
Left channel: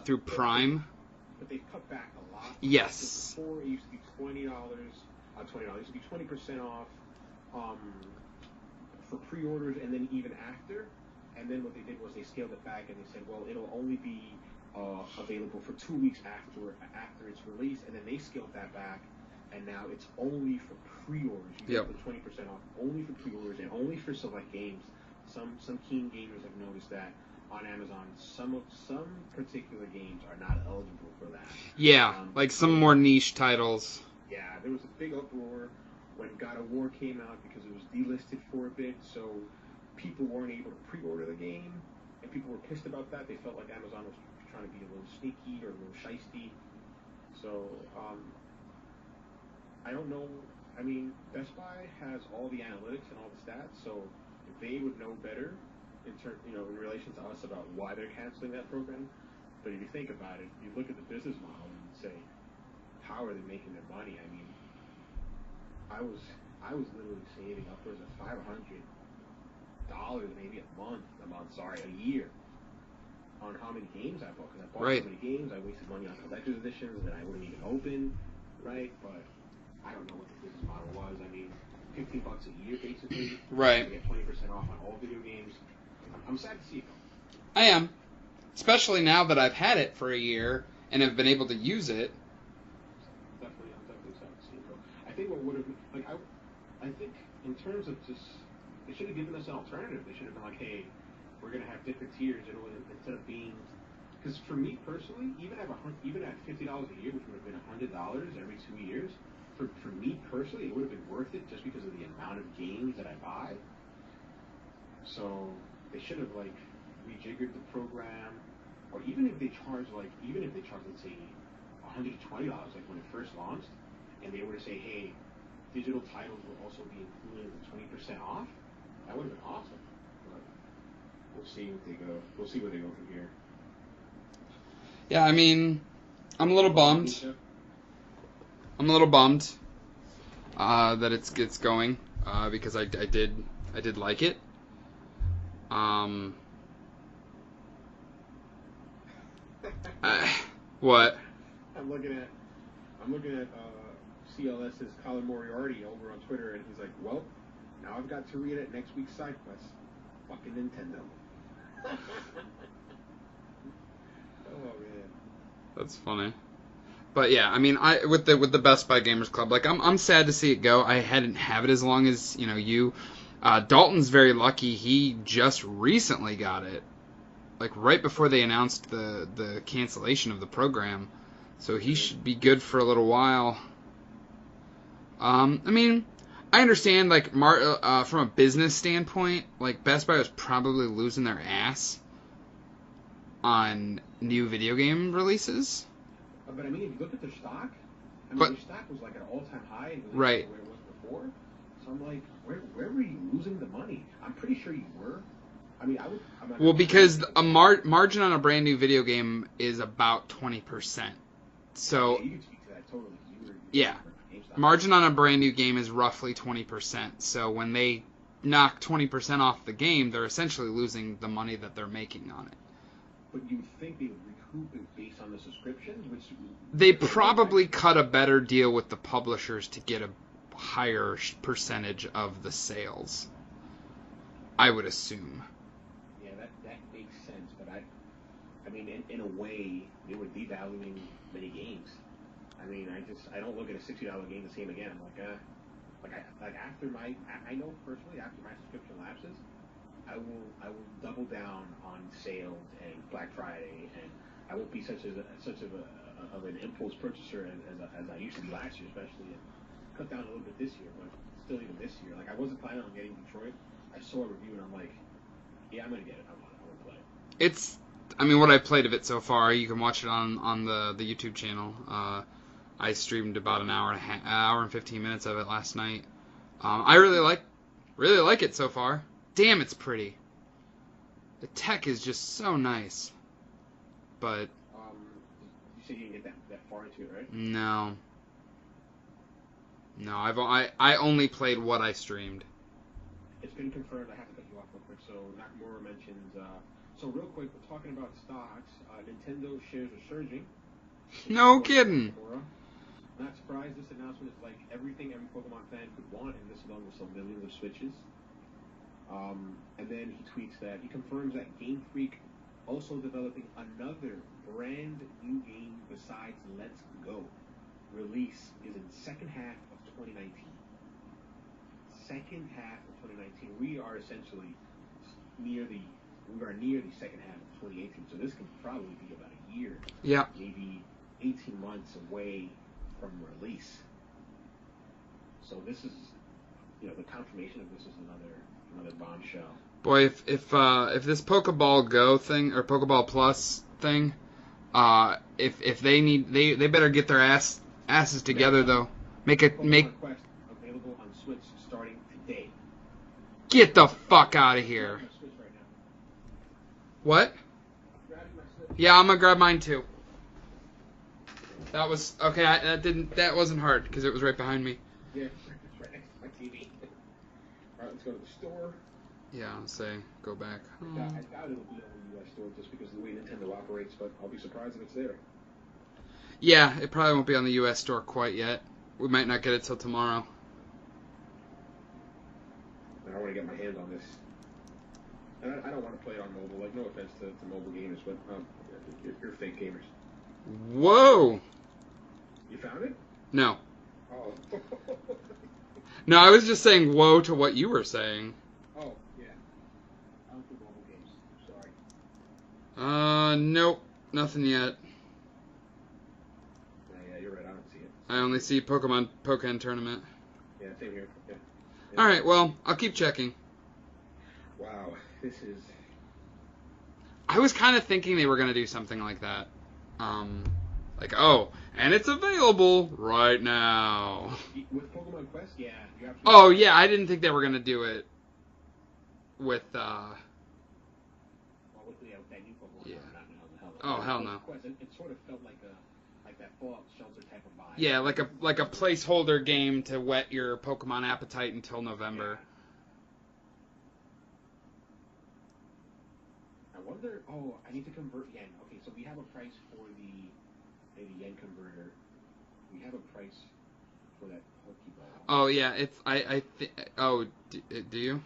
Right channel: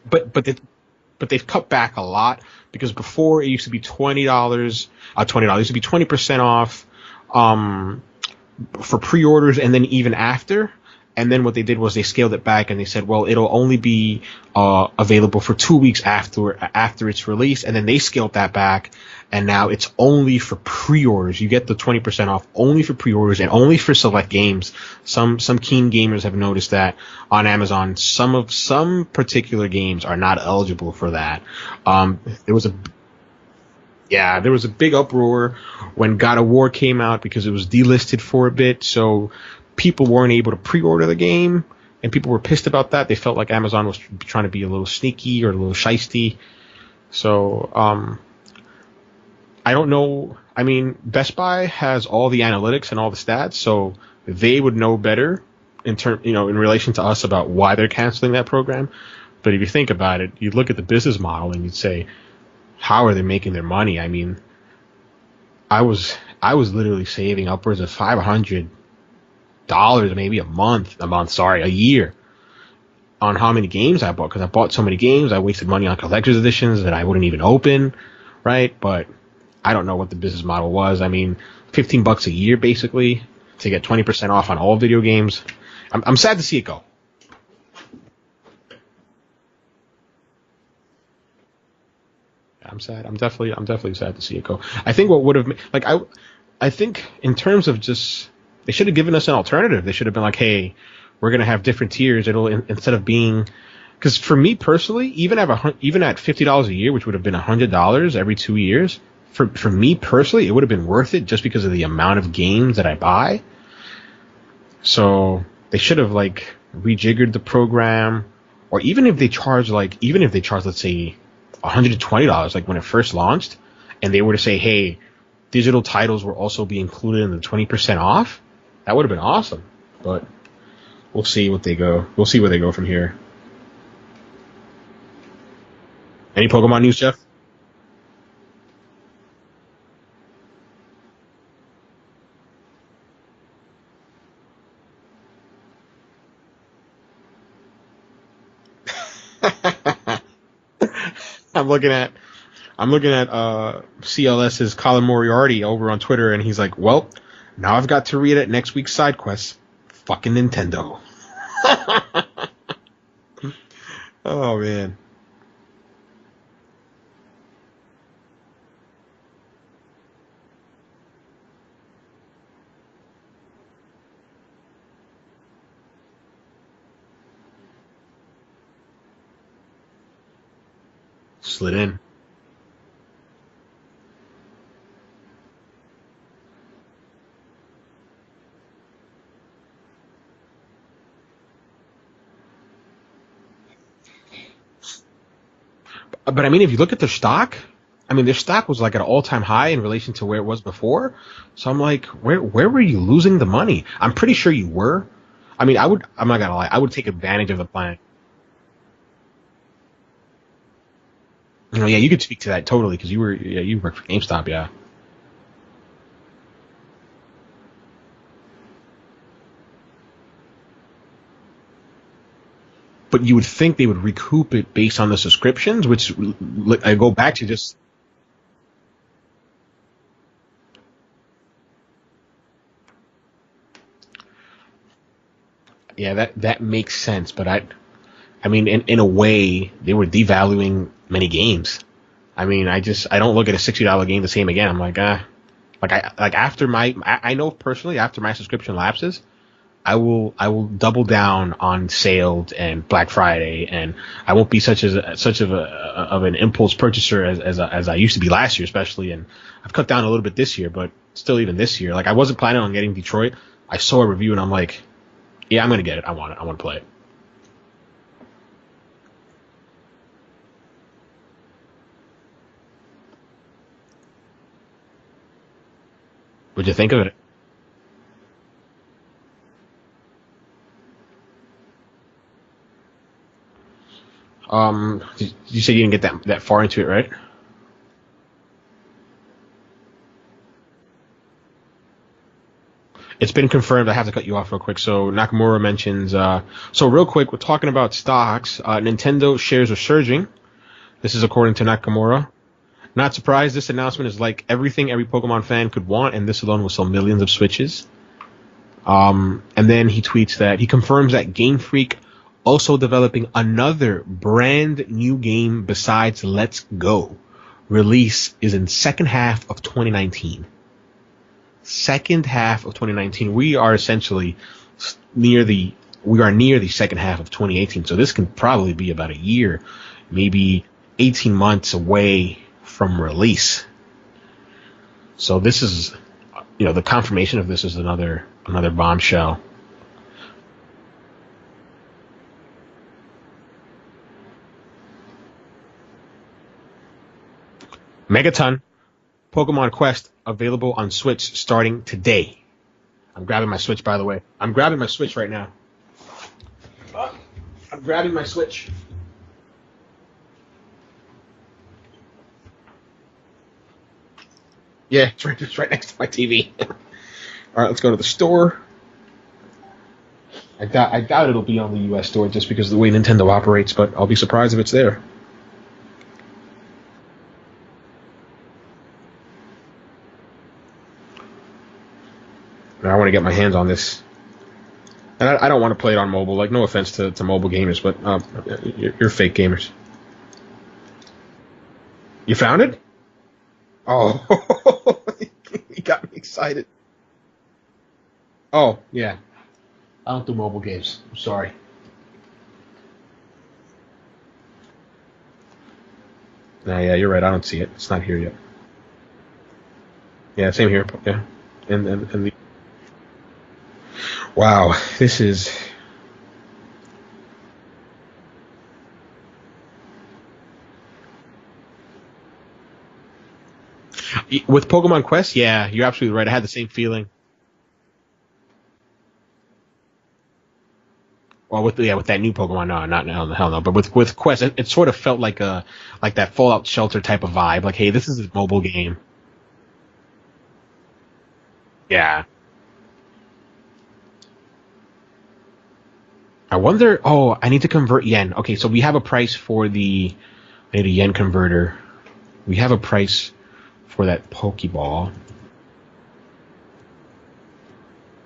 through Prime. But they've cut back a lot. Yes. Because before it used to be $20. It used to be 20% off for pre-orders, and then even after. And then what they did was they scaled it back, and they said, well, it'll only be available for 2 weeks after its release. And then they scaled that back, and now it's only for pre-orders. You get the 20% off only for pre-orders and only for select games. Some keen gamers have noticed that on Amazon, some particular games are not eligible for that. Yeah, like some more niche titles. Yeah, there was a big uproar when God of War came out because it was delisted for a bit, so people weren't able to pre-order the game, and people were pissed about that. They felt like Amazon was trying to be a little sneaky or a little shisty. So, I don't know. I mean, Best Buy has all the analytics and all the stats, so they would know better in relation to us about why they're canceling that program. But if you think about it, you look at the business model and you'd say, how are they making their money? I mean, I was literally saving upwards of $500 maybe a year on how many games I bought, because I bought so many games. I wasted money on collector's editions that I wouldn't even open, right? But I don't know what the business model was. I mean, $15 a year basically to get 20% off on all video games. I'm sad to see it go. I am, especially now that I've had it for a year and have been able to use it. I'm sad. I'm definitely sad to see it go. I think what would have I think in terms of just, they should have given us an alternative. They should have been like, hey, we're going to have different tiers. It'll, instead of being, because for me personally, even at $50 a year, which would have been $100 every 2 years, for me personally, it would have been worth it just because of the amount of games that I buy. So they should have rejiggered the program, or even if they charge, let's say $120, like when it first launched, and they were to say, hey, digital titles will also be included in the 20% off, that would have been awesome. But we'll see where they go from here. Yeah, I mean, any Pokemon news, Jeff? I'm a little bummed that it's going because I did like it. What? I'm looking at CLS's Colin Moriarty over on Twitter, and he's like, well, now I've got to read it next week's side quest. Fucking Nintendo. Oh man, that's funny. But yeah, I mean, with the Best Buy Gamers Club, I'm sad to see it go. I hadn't have it as long as you. Dalton's very lucky. He just recently got it, right before they announced the cancellation of the program. Slid in. He should be good for a little while. I mean, I understand, from a business standpoint, Best Buy was probably losing their ass on new video game releases. But I mean, if you look at their stock, their stock was at an all-time high in relation to where it was before. So I'm like, where were you losing the money? I'm pretty sure you were. I mean, I'm not gonna lie, I would take advantage of the plan. Margin on a brand new video game is about 20%. Yeah, you could speak to that totally, because you work for GameStop, yeah. Margin on a brand new game is roughly 20%. So when they knock 20% off the game, they're essentially losing the money that they're making on it. But you would think they would recoup it based on the subscriptions, which I go back to probably cut a better deal with the publishers to get a higher percentage of the sales, I would assume. Yeah, that makes sense, but I mean, in a way, they were devaluing many games. I mean, I don't look at a $60 game the same again. I'm like, I know personally, after my subscription lapses, I will double down on sales and Black Friday, and I won't be such of an impulse purchaser as I used to be last year, especially. And I've cut down a little bit this year, but still, even this year, I wasn't planning on getting Detroit. I saw a review and I'm like, yeah, I'm gonna get it. I want to play it. I mean, what I've played of it so far, you can watch it on the YouTube channel. I streamed about an hour and 15 minutes of it last night. What'd you think I of really like it so far. Damn, it's pretty. The tech is just so nice. But you said you didn't get that far into it, right? no, I only played what I streamed. It's been confirmed. I have to cut you off real quick. So Nakamura mentions. So real quick, we're talking about stocks. Nintendo shares are surging. This is according to Nakamura. Not surprised. This announcement is like everything every Pokemon fan could want, and this alone will sell millions of Switches. And then he tweets that he confirms that Game Freak also developing another brand new game besides Let's Go. Release is in second half of 2019. Second half of 2019. We are essentially near the second half of 2018. So this can probably be about a year, maybe 18 months away from release. So this is, the confirmation of this is another bombshell. Boy, if this Pokeball Go thing or Pokeball Plus thing, if they need they better get their ass together though. Pokemon Quest available on Switch starting today. I'm grabbing my Switch, by the way. I'm grabbing my Switch right now. What? I'm grabbing my Switch. Yeah, I'm gonna grab mine too. That was okay. That wasn't hard because it was right behind me. Yeah, it's right next to my TV. All right, let's go to the store. Yeah, I'll say go back. I doubt it'll be on the U.S. store just because of the way Nintendo operates, but I'll be surprised if it's there. Yeah, it probably won't be on the U.S. store quite yet. We might not get it till tomorrow. I want to get my hands on this. And I don't want to play it on mobile. Like, no offense to mobile gamers, but you're fake gamers. Whoa! You found it? No. Oh. You got me excited. I was just saying whoa to what you were saying. Oh, yeah. I don't do mobile games. I'm sorry. Nope. Nothing yet. Nah, yeah, you're right. I don't see it. It's not here I yet. only see Pokemon Tournament. Yeah, same here. Yeah. All right, well, I'll keep checking. Wow, this is... I was kind of thinking they were going to do something like that. And it's available right now. With Pokemon Quest, yeah, you're absolutely right. I didn't think they were going to do it with... Well, with that new Pokemon, no, not hell no. But with Quest, it sort of felt like that Fallout Shelter type of vibe. Like, hey, this is a mobile game. Like a placeholder game to whet your Pokemon appetite until November. Yeah. I wonder. Oh, I need to convert yen. Okay, so we have a price for the. I need a yen converter. We have a price for that Pokeball. Oh yeah, do you?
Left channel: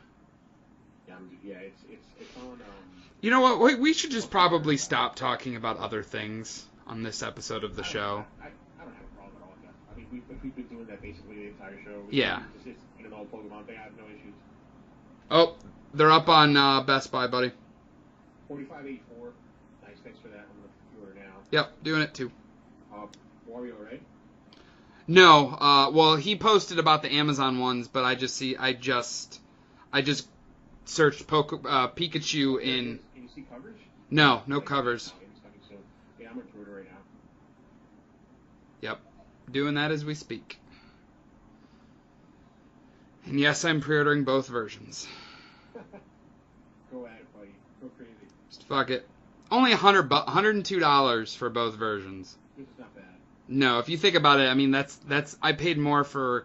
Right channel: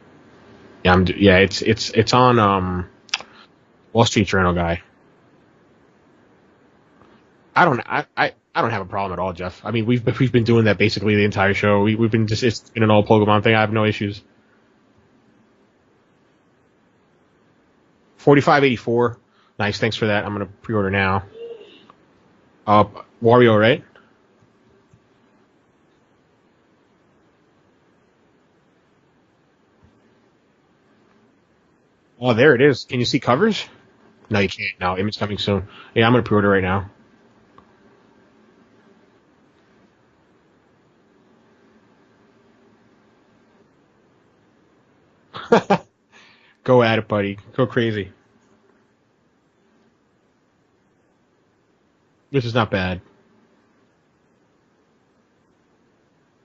Yeah, it's on. You know what? We should just probably stop talking about other things on this episode. I don't have a problem at all, Jeff. I mean, we've been doing that basically the entire show. We've been it's been an all Pokemon thing. I have no issues. Oh, they're up on Best Buy, buddy. $45.84. Nice, thanks for that. I'm gonna pre-order now. Yep, doing it too. Wario, right? No, well, he posted about the Amazon ones, but I just searched Pikachu. Oh, there it is. Can you see covers? No, no covers. No, image coming soon. Yeah, I'm gonna pre-order right now. Yep, doing that as we speak. And yes, I'm pre-ordering both versions. Go at it, buddy. Go crazy. Just fuck it. Only $102 for both versions. This is not bad. No, if you think about it, I mean that's I paid more for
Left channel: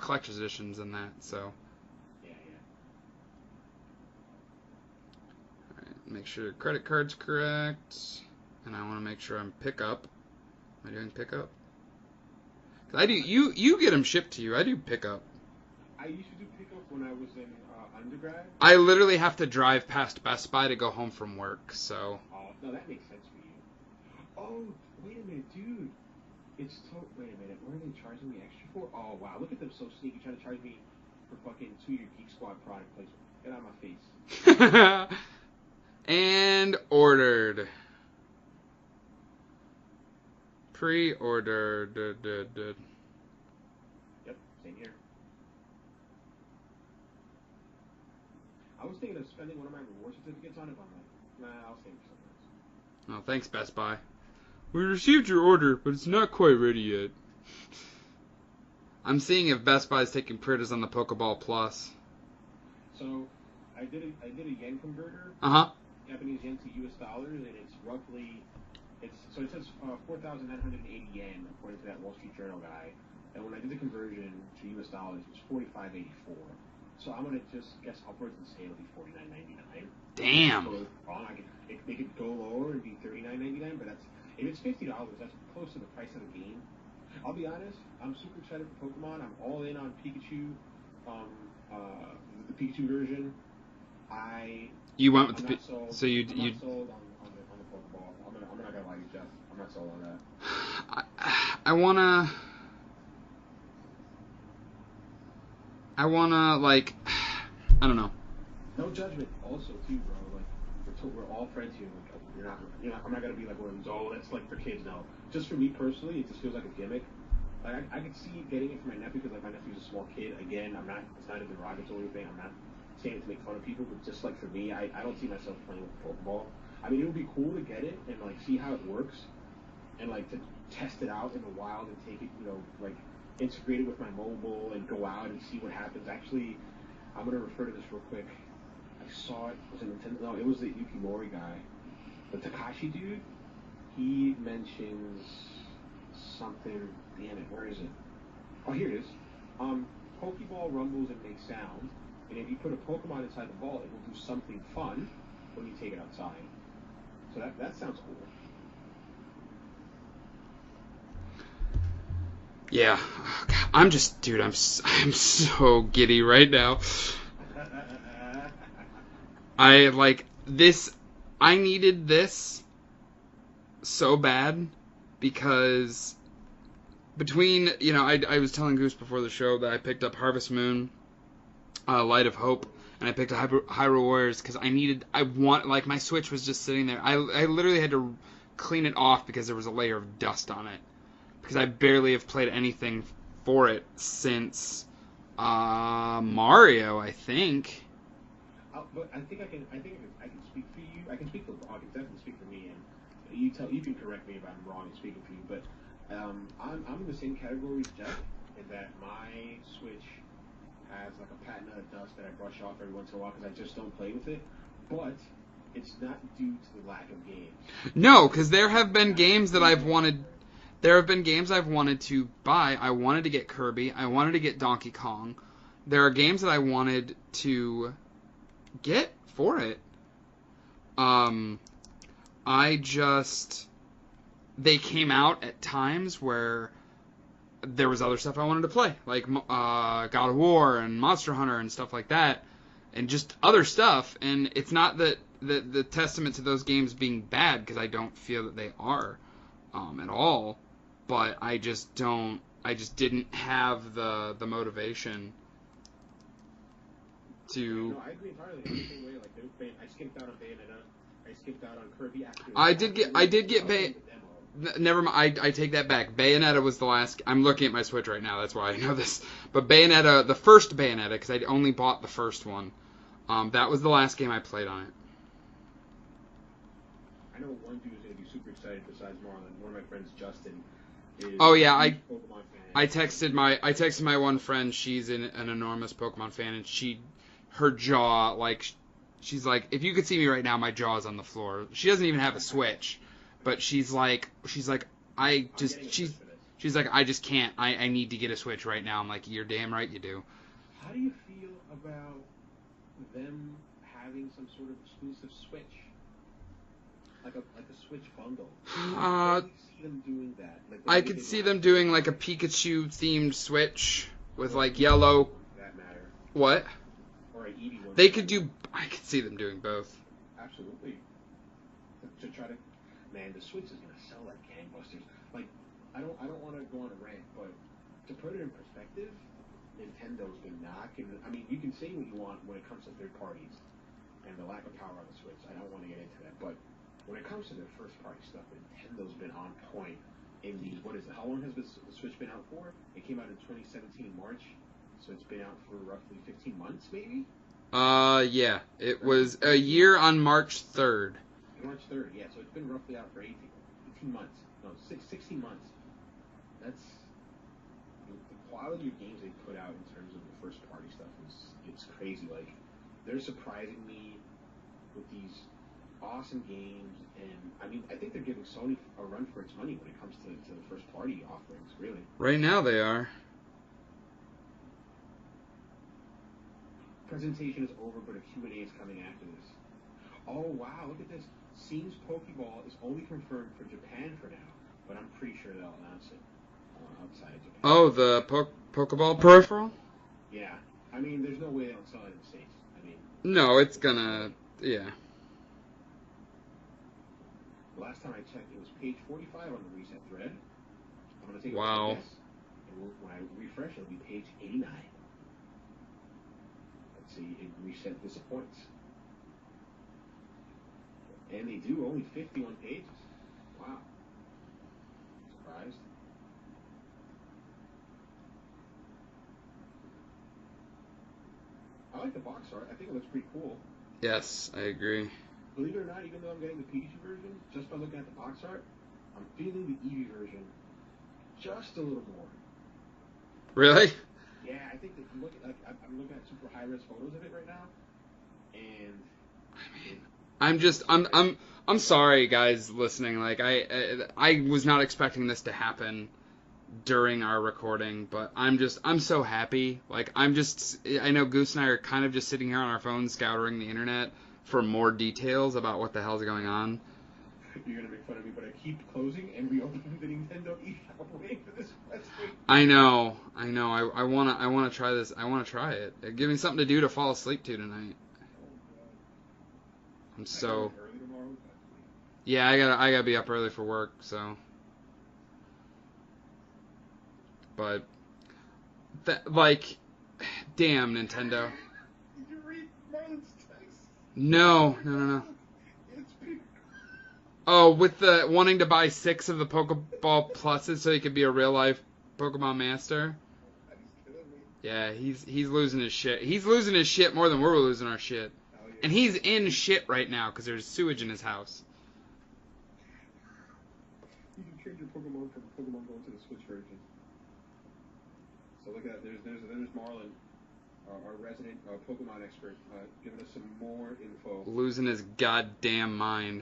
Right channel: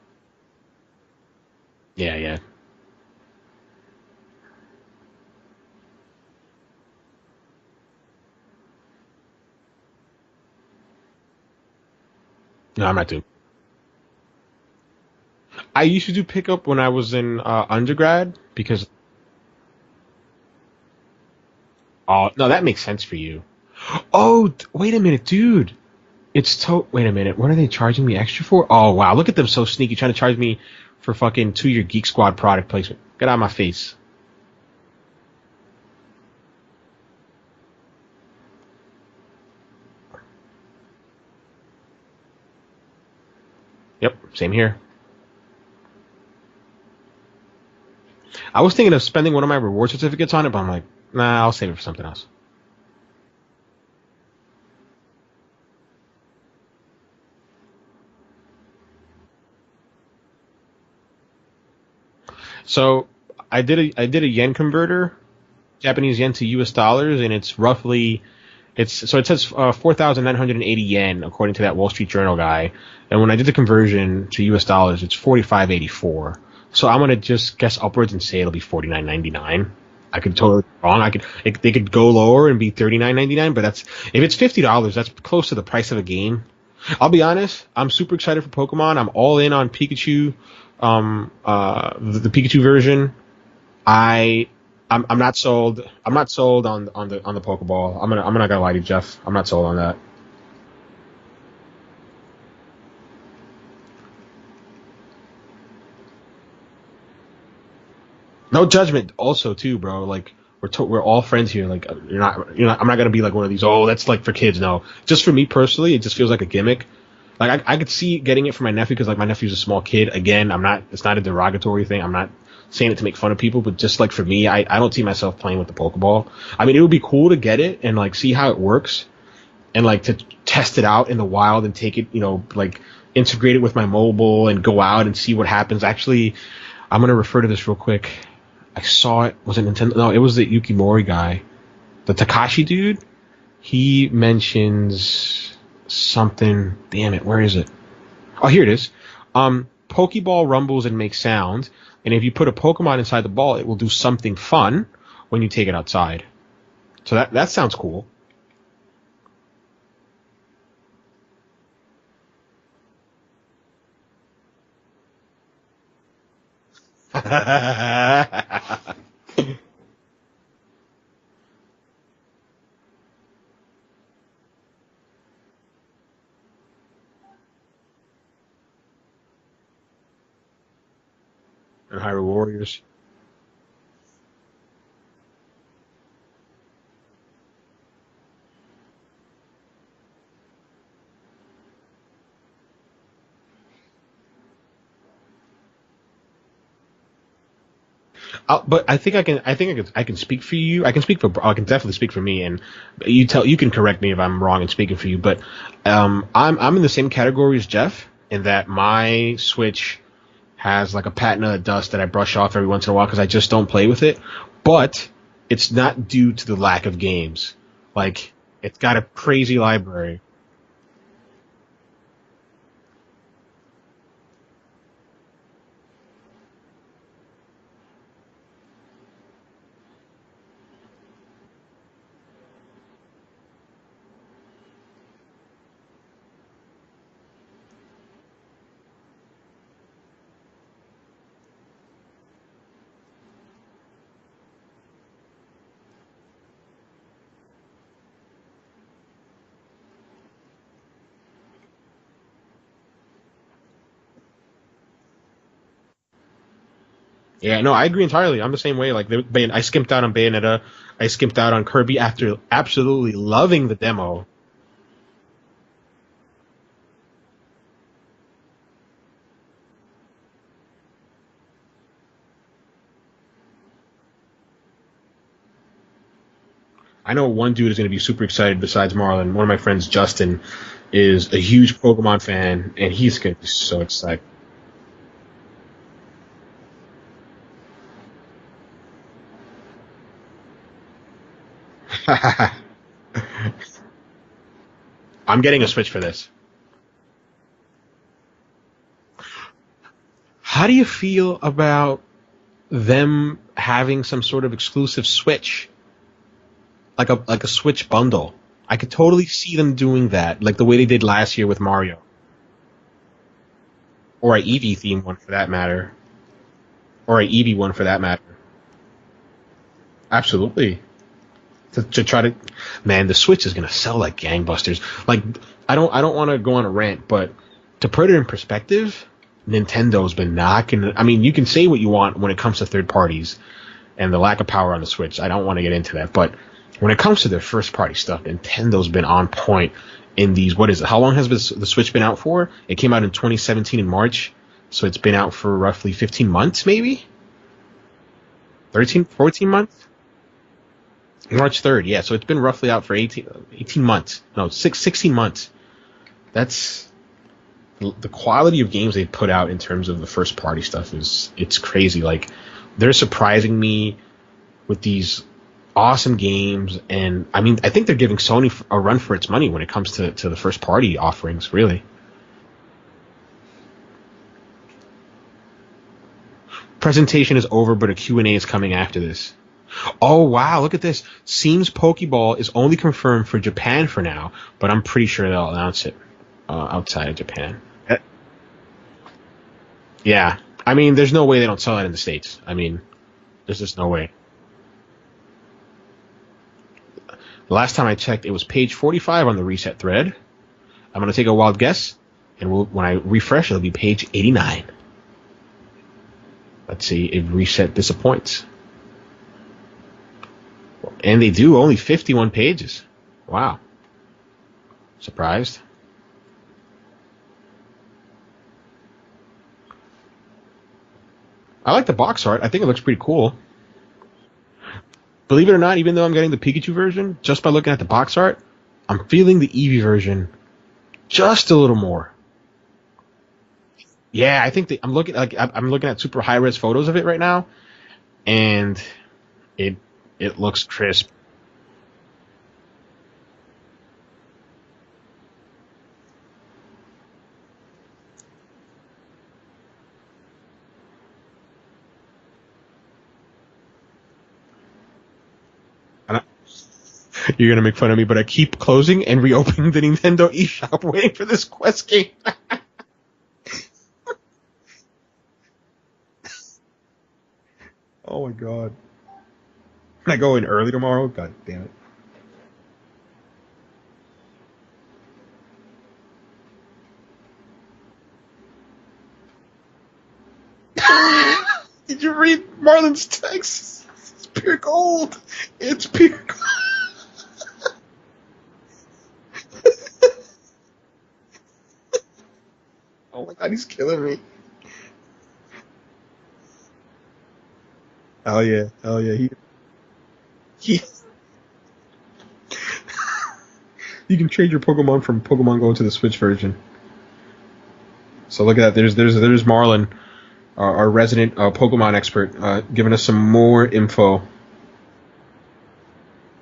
collector's editions than that. So. Yeah. Right, make sure the credit card's correct, and I want to make sure I'm pickup. Am I doing pickup? No, I'm not doing. You get them shipped to you. I do pickup. I used to do pickup when I was in undergrad. Because... I literally have to drive past Best Buy to go home from work. So. Oh no, that makes sense for you. Oh, wait a minute, dude. Wait a minute. What are they charging me extra for? Oh wow, look at them so sneaky, trying to charge me for fucking 2-year Geek Squad product placement. Get out of my face. And ordered. Pre-ordered. Yep, same here. I was thinking of spending one of my reward certificates on it, but I'm like, nah, I'll save it for something else. thanks, Best Buy. We received your order, but it's not quite ready yet. I'm seeing if Best Buy is taking pre-orders on the Pokeball Plus. So I did a yen converter, Japanese yen to US dollars, and it's roughly it says 4,980 yen according to that Wall Street Journal guy, and when I did the conversion to US dollars, it's 45.84. So I'm gonna just guess upwards and say it'll be 49.99. I could totally be wrong. They could go lower and be 39.99, but if it's $50, that's close to the price of a game. I'll be honest, I'm super excited for Pokemon. I'm all in on Pikachu, the Pikachu version. I'm not sold. I'm not sold on the Pokeball. I'm not gonna lie to you, Jeff. I'm not sold on that. I wanna like, I don't know. No judgment, also too, bro. Like we're all friends here. Like you're not. I'm not gonna be like one of these. Oh, that's like for kids. No, just for me personally, it just feels like a gimmick. Like I could see getting it for my nephew because like my nephew's a small kid. Again, it's not a derogatory thing. I'm not saying it to make fun of people, but just like for me, I don't see myself playing with the Pokeball. I mean, it would be cool to get it and like see how it works, and like to test it out in the wild and take it, like integrate it with my mobile and go out and see what happens. Actually, I'm gonna refer to this real quick. I saw it. Was it Nintendo? No, it was the Yukimori guy. The Takashi dude. He mentions something. Damn it, where is it? Oh, here it is. Pokeball rumbles and makes sound, and if you put a Pokemon inside the ball, it will do something fun when you take it outside. So that sounds cool. Yeah. I'm just, dude, I'm so giddy right now. I like this. I needed this so bad because between, I was telling Goose before the show that I picked up Harvest Moon, Light of Hope, and I picked up Hyrule Warriors because my Switch was just sitting there. I literally had to clean it off because there was a layer of dust on it because I barely have played anything for it since Mario, I think. But I think I can speak for you. I can definitely speak for me, and you can correct me if I'm wrong in speaking for you. But I'm in the same category as Jeff in that my Switch has like a patina of dust that I brush off every once in a while because I just don't play with it. But it's not due to the lack of games. Like, no, because there have been games that I've wanted. There have been games I've wanted to buy. I wanted to get Kirby. I wanted to get Donkey Kong. There are games that I wanted to get for it. They came out at times where there was other stuff I wanted to play, like God of War and Monster Hunter and stuff like that, and just other stuff. And it's not that the testament to those games being bad, because I don't feel that they are at all. But I just didn't have the motivation. Yeah, no, I agree entirely. I'm the same way. Like, I skimped out on Bayonetta. I skimped out on Kirby after absolutely loving the demo. Never mind. I take that back. Bayonetta was the last. I'm looking at my Switch right now. That's why I know this. But Bayonetta, the first Bayonetta, because I only bought the first one. That was the last game I played on it. I know one dude is going to be super excited besides Marlon. One of my friends, Justin, is a huge Pokemon fan, and he's getting so excited. I texted my one friend. She's an enormous Pokemon fan, and her jaw, like, she's like, if you could see me right now, my jaw is on the floor. She doesn't even have a Switch, but she's like, I'm getting a Switch for this. She's like, I just can't. I need to get a Switch right now. I'm like, you're damn right you do. How do you feel about them having some sort of exclusive Switch, like a Switch bundle? I could totally see them doing that, like the way they did last year with Mario. Like a Pikachu themed Switch, or an Eevee themed one for that matter. What? Or an Eevee one for that matter. I could see them doing both. Absolutely. To try to, man, the Switch is gonna sell like gangbusters. Like, I don't want to go on a rant, but to put it in perspective, Nintendo's been knocking. I mean, you can say what you want when it comes to third parties and the lack of power on the Switch. I don't want to get into that, but when it comes to their first party stuff, Nintendo's been on point in these. What is it? How long has the Switch been out for? It came out in 2017 in March, so it's been out for roughly 15 months, maybe. Yeah. 13, It was 14 months? a year on March 3rd. March 3rd, yeah. So it's been roughly out for 18 months. No, 16 months. That's the quality of games they put out in terms of the first party stuff it's crazy. Like, they're surprising me with these awesome games, and I mean, I think they're giving Sony a run for its money when it comes to the first party offerings, really. Right now they are. Presentation is over, but a Q&A is coming after this. Oh, wow, look at this. Seems Pokeball is only confirmed for Japan for now, but I'm pretty sure they'll announce it outside of Japan. Oh, the Pokeball peripheral? Yeah. I mean, there's no way they don't sell that in the States. I mean, No, there's it's just no way. Yeah. The last time I checked, it was page 45 on the reset thread. I'm going to take a wild guess, and when I refresh, it'll be page 89. Let's see if reset disappoints. And they do only 51 pages. Wow. Surprised? I like the box art. I think it looks pretty cool. Yes, I agree. Believe it or not, even though I'm getting the Pikachu version, just by looking at the box art, I'm feeling the Eevee version just a little more. Really? Yeah, I think I'm looking at super high res photos of it right now, and it looks crisp. I'm sorry, guys listening. Like I was not expecting this to happen during our recording, but I'm so happy. Like I know Goose and I are kind of just sitting here on our phones scouring the internet for more details about what the hell's going on. You're gonna make fun of me, but I keep closing and reopening the Nintendo eShop waiting for this Quest game. I know. I wanna try this. I wanna try it. Give me something to do to fall asleep to tonight. Oh my god. Can I go in early tomorrow? God damn it. Yeah, I gotta be up early for work, so. But damn. Did you read Marlon's text? No. It's pure gold. Oh, with the wanting to buy 6 of the Pokeball Pluses so he could be a real life Pokemon master. Oh my god, he's killing me. Yeah, he's losing his shit. He's losing his shit more than we're losing our shit. Oh yeah. And he's in shit right now because there's sewage in his house. You can trade your Pokemon from Pokemon Go to the Switch version. So look at that. There's Marlon, our resident Pokemon expert, giving us some more info. Losing his goddamn mind.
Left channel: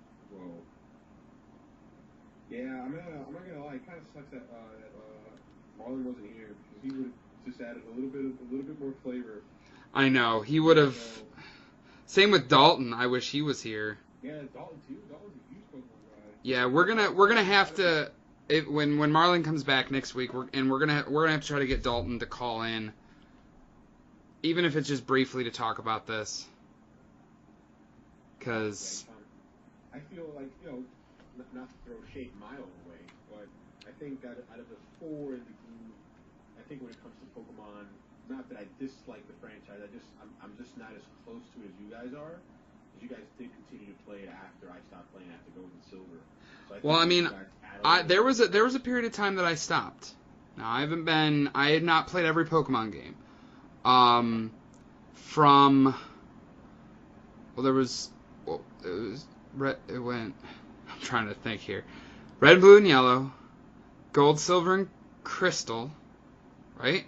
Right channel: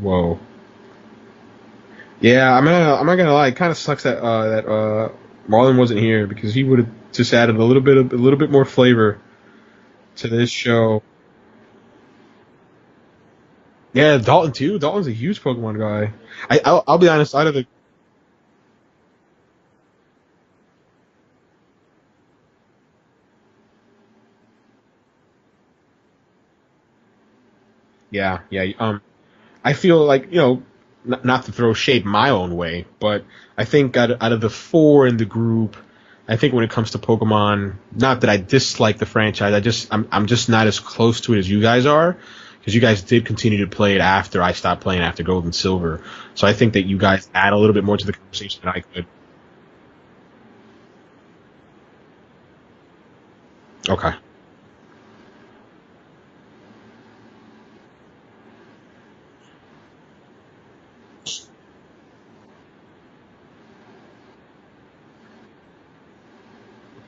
Whoa. Yeah, I'm not gonna lie. It kind of sucks that Marlon wasn't here because he would have just added a little bit more flavor. I know. To this show. Same with Dalton. I wish he was here. Yeah, Dalton too. Dalton's a huge Pokemon guy. Yeah, I'll be honest. We're gonna have to. When Marlon comes back next week, we're gonna have to try to get Dalton to call in, even if it's just briefly to talk about this. Yeah. I feel like, not to throw shade my own way, but I think out of the 4 in the group, I think when it comes to Pokemon, not that I dislike the franchise, I'm just not as close to it as you guys are, because you guys did continue to play it after I stopped playing after Gold and Silver. So I think that you guys add a little bit more to the There was a period of time that I stopped. Now I had not played every Pokemon game. Okay. I'm trying to think here. Red, Blue, and Yellow, Gold, Silver, and Crystal, right?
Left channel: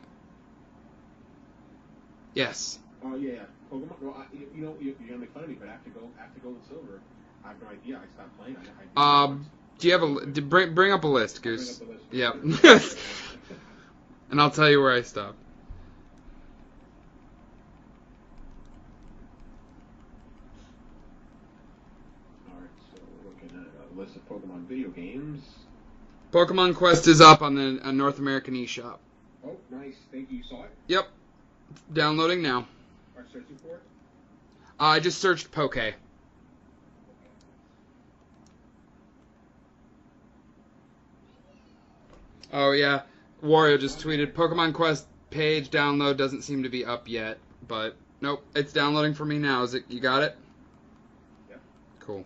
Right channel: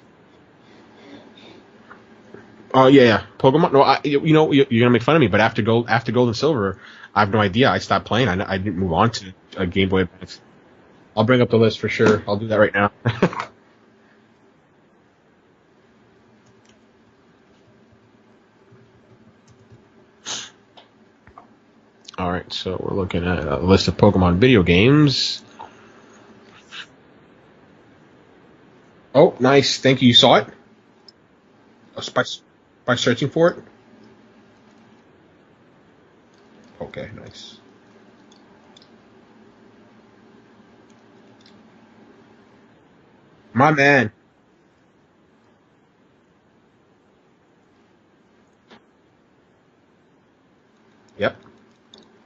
Yes. Oh yeah. Pokemon. No, you're gonna make fun of me, but after Gold and Silver, I have no idea. I stopped playing. I didn't move on to a Game Boy. Bring up a list. I'll bring up a list for sure. Yeah. I'll do that right now. And I'll tell you where I stopped. All right, so we're looking at a list of Pokemon video games. Pokemon Quest is up on the North American eShop. Oh, nice. Thank you. You saw it? Yep. Downloading now. By searching for it? I just searched Poke. Okay, nice. Oh, yeah. Warrior tweeted, Pokemon Quest page download doesn't seem to be up yet. But, nope, it's downloading for me now. You got it? Yep. Cool.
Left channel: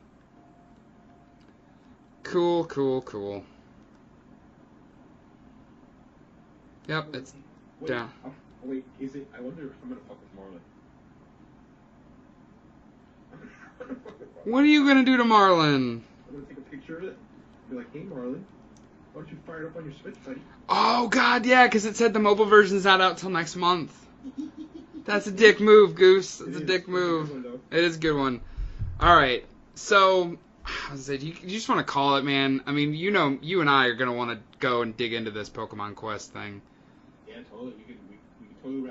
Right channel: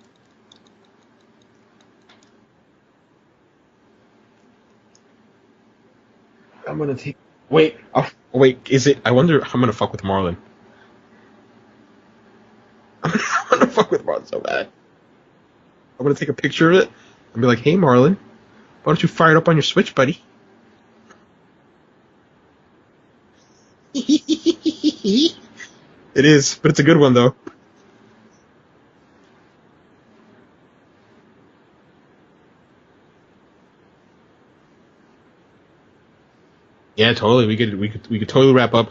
I'm gonna Yep, take. it's Wait, done. wait. Is it? I wonder. I'm gonna fuck with Marlon. I'm gonna fuck with Marlon so What are bad. you gonna do to Marlin? I'm gonna take a picture of it and be like, "Hey, Marlon, why don't you fire it up on your Switch, buddy?" Oh God, yeah, because it said the mobile version's not out till next month. That's a dick move, Goose. It is, but it's a good one though. It is a good one. All right, so I was say, do you just want to call it, man? I mean, you know, you and I are gonna want to go and dig into this Pokemon Quest thing. Yeah, totally. We could totally wrap up.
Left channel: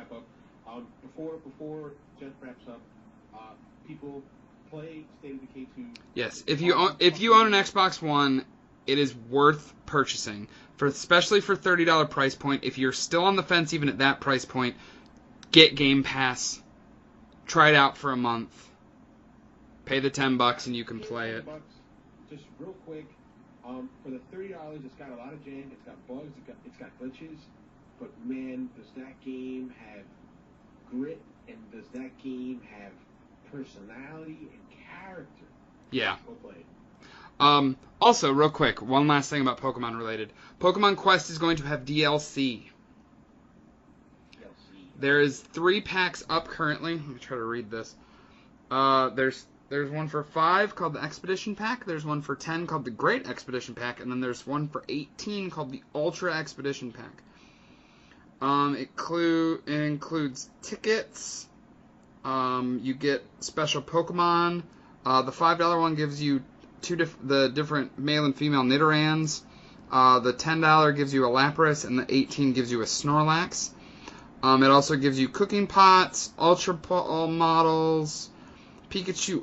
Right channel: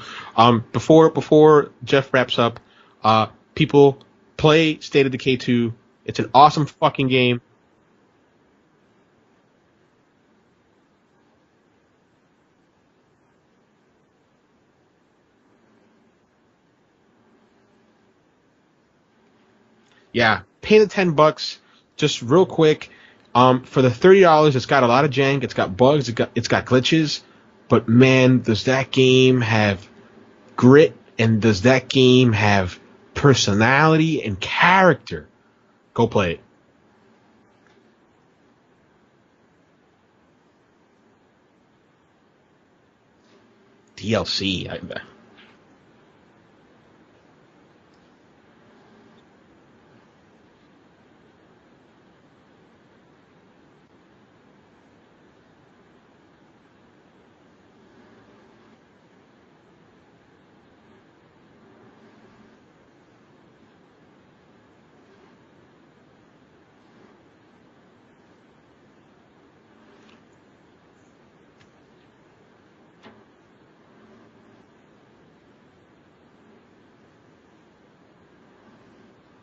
Before Jeff wraps up, people play State of Decay 2. It's an Yes, awesome fucking if you game. own an Xbox One, it is worth purchasing especially for $30 price point. If you're still on the fence, even at that price point, get Game Pass. Try it out for a month. Pay the $10. Pay the $10. Just real quick. For the $30, it's got a lot of jank. It's got bugs. It's got glitches. But man, does that game have grit, and does that game have personality and character? Go play it. Also, real quick, one last thing about Pokemon related. Pokemon Quest is going to have DLC. DLC. There is 3 packs up currently. Let me try to read this. There's one for 5 called the Expedition Pack. There's one for 10 called the Great Expedition Pack, and then there's one for 18 called the Ultra Expedition Pack. It includes tickets. You get special Pokemon. The $5 one gives you the different male and female Nidorans. The $10 gives you a Lapras, and the 18 gives you a Snorlax. It also gives you cooking pots, Ultra models, Pikachu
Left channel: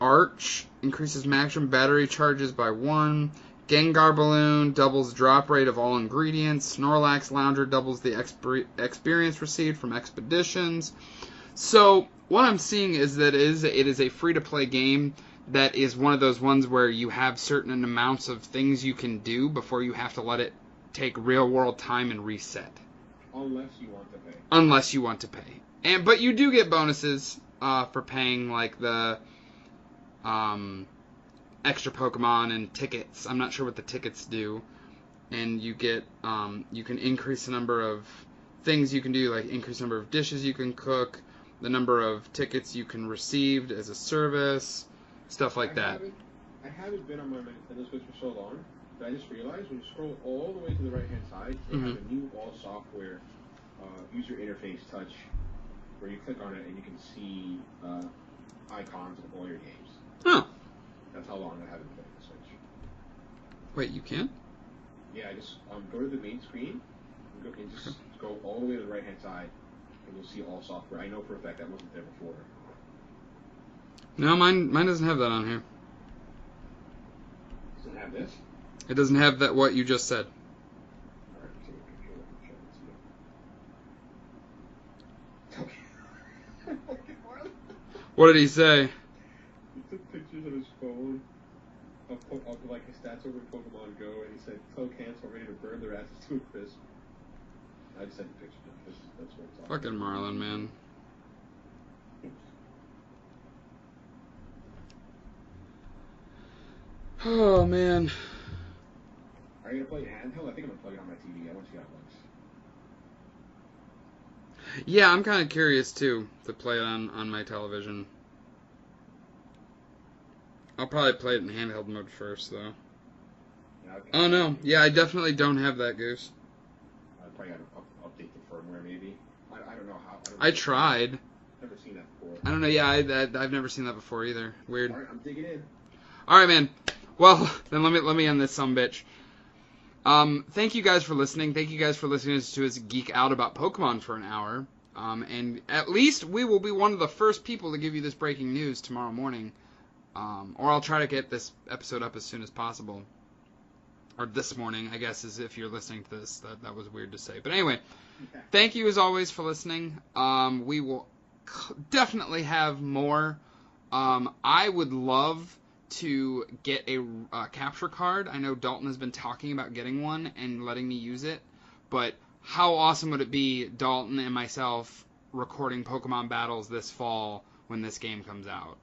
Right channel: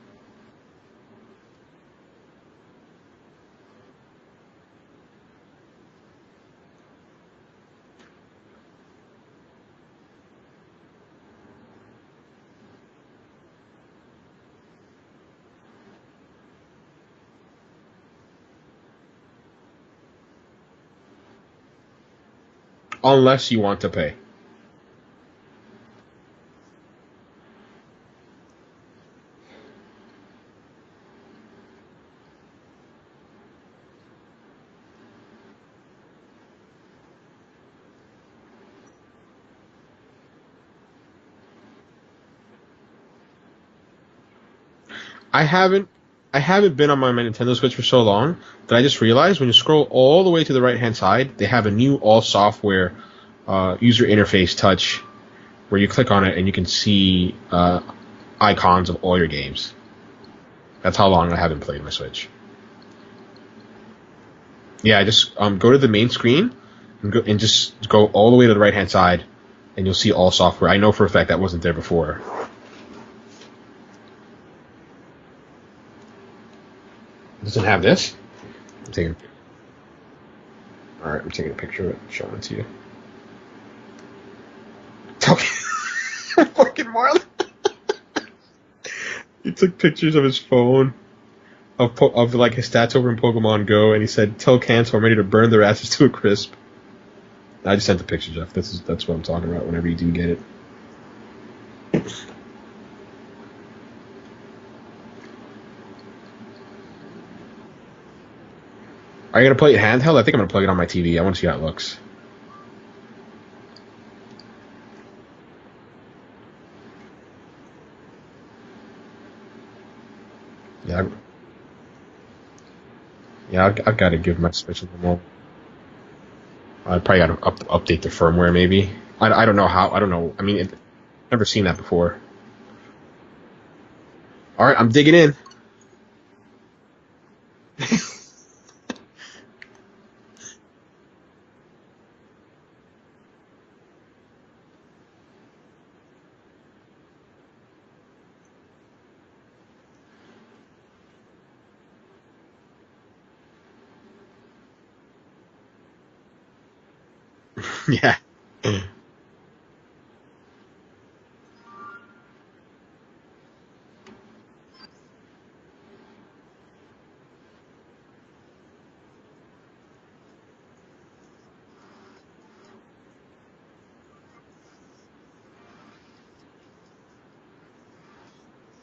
Arch increases maximum battery charges by 1. Gengar Balloon doubles drop rate of all ingredients. Snorlax Lounger doubles the experience received from expeditions. So what I'm seeing is that it is a free-to-play game that is one of those ones where you have certain amounts of things you can do before you have to let it take real-world time and reset. Unless you want to pay. But you do get bonuses for paying, like the extra Pokemon and tickets. I'm not sure what the tickets do. And you get, you can increase the number of things you can do, like increase the number of dishes you can cook, the number of tickets you can receive as a service. I haven't been on my Nintendo Switch for so long that I just realized when you scroll all the way to the right-hand side, they have a new all-software user interface touch where you click on it and you can see icons of all your games. Huh. That's how long I haven't played my Switch. Wait, you can? Yeah, just go to the main screen and just go all the way to the right-hand side, and you'll see all software. I know for a fact that wasn't there before. No, mine doesn't have that on here. It doesn't have this? It doesn't have that what you just said. Alright, I'm taking a picture of it and showing it to you. Fucking Marlon. What did he say? He took pictures of his phone of like his stats over in Pokemon Go, and he said, "Tell Kanto I'm ready to burn their asses to a crisp." I just sent the picture, Jeff. That's what I'm talking about. Whenever you do get it. Man. Oh man. Are you gonna play it handheld? I think I'm gonna plug it on my TV. I want to see how it looks. Yeah, I'm kind of curious too to play it on my television. I'll probably play it in handheld mode first, though. Yeah, I've got to give my Switch. Yeah, I definitely don't have that, Goose. I probably got to update the firmware, maybe. I don't know how. I don't know. I tried. I've never seen that before. I don't know. Yeah, I've never seen that before either. All right, I'm digging in. All right, man. Well, then let me end this sumbitch. Thank you guys for listening. Thank you guys for listening to us geek out about Pokemon for an hour. And at least we will be one of the first people to give you this breaking news tomorrow morning. Or I'll try to get this episode up as soon as possible. Or this morning, I guess, as if you're listening to this. That was weird to say. But anyway, yeah. Thank you as always for listening. We will definitely have more. I would love to get a capture card. I know Dalton has been talking about getting one and letting me use it. But how awesome would it be, Dalton and myself, recording Pokemon battles this fall when this game comes out?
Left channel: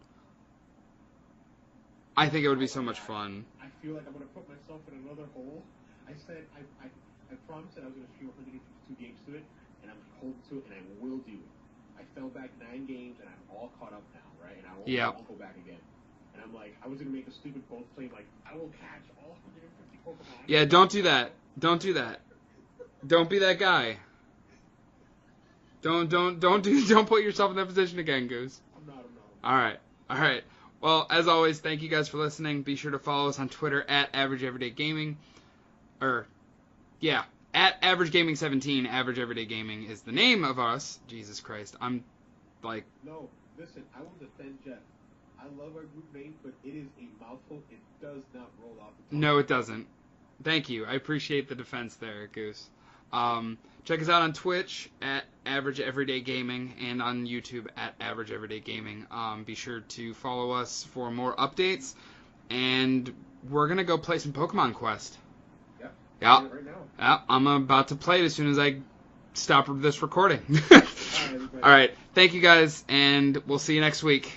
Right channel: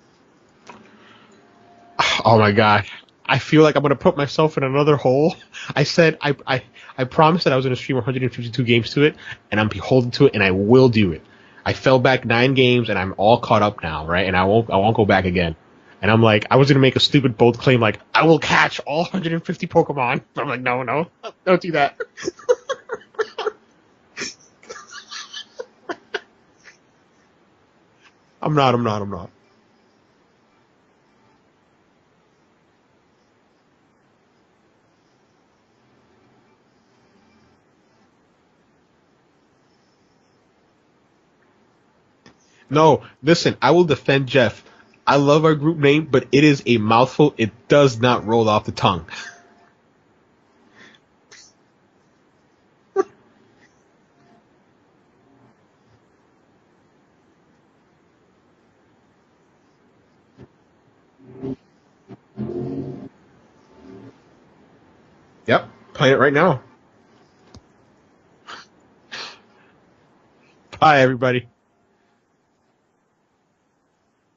Oh think my it would be god. so much fun. I feel like I'm gonna put myself in another hole. I said I promised that I was gonna stream 152 games to it, and I'm beholden to it, and I will do it. I fell back 9 games, and I'm all caught up now, right? And I won't go Yeah. back again. And I'm like, I was gonna make a stupid bold claim like, I will catch all 150 Pokemon. I'm like, Yeah, no, don't no, do that. don't do that. Don't be that guy. Don't put yourself in that position again, Goose. I'm not. All right. Well, as always, thank you guys for listening. Be sure to follow us on Twitter at Average Everyday Gaming, at Average Gaming 17. Average Everyday Gaming is the name of us. Jesus Christ, No, listen, I will defend Jeff. I love our group name, but it is a mouthful. It does not roll off the tongue. No, it doesn't. Thank you. I appreciate the defense there, Goose. Check us out on Twitch at Average Everyday Gaming and on YouTube at Average Everyday Gaming. Be sure to follow us for more updates. And we're going to go play some Pokemon Quest. Yep, playing it right now. I'm about to play it as soon as I stop this recording. Bye, everybody. All right. Thank you guys, and we'll see you next week.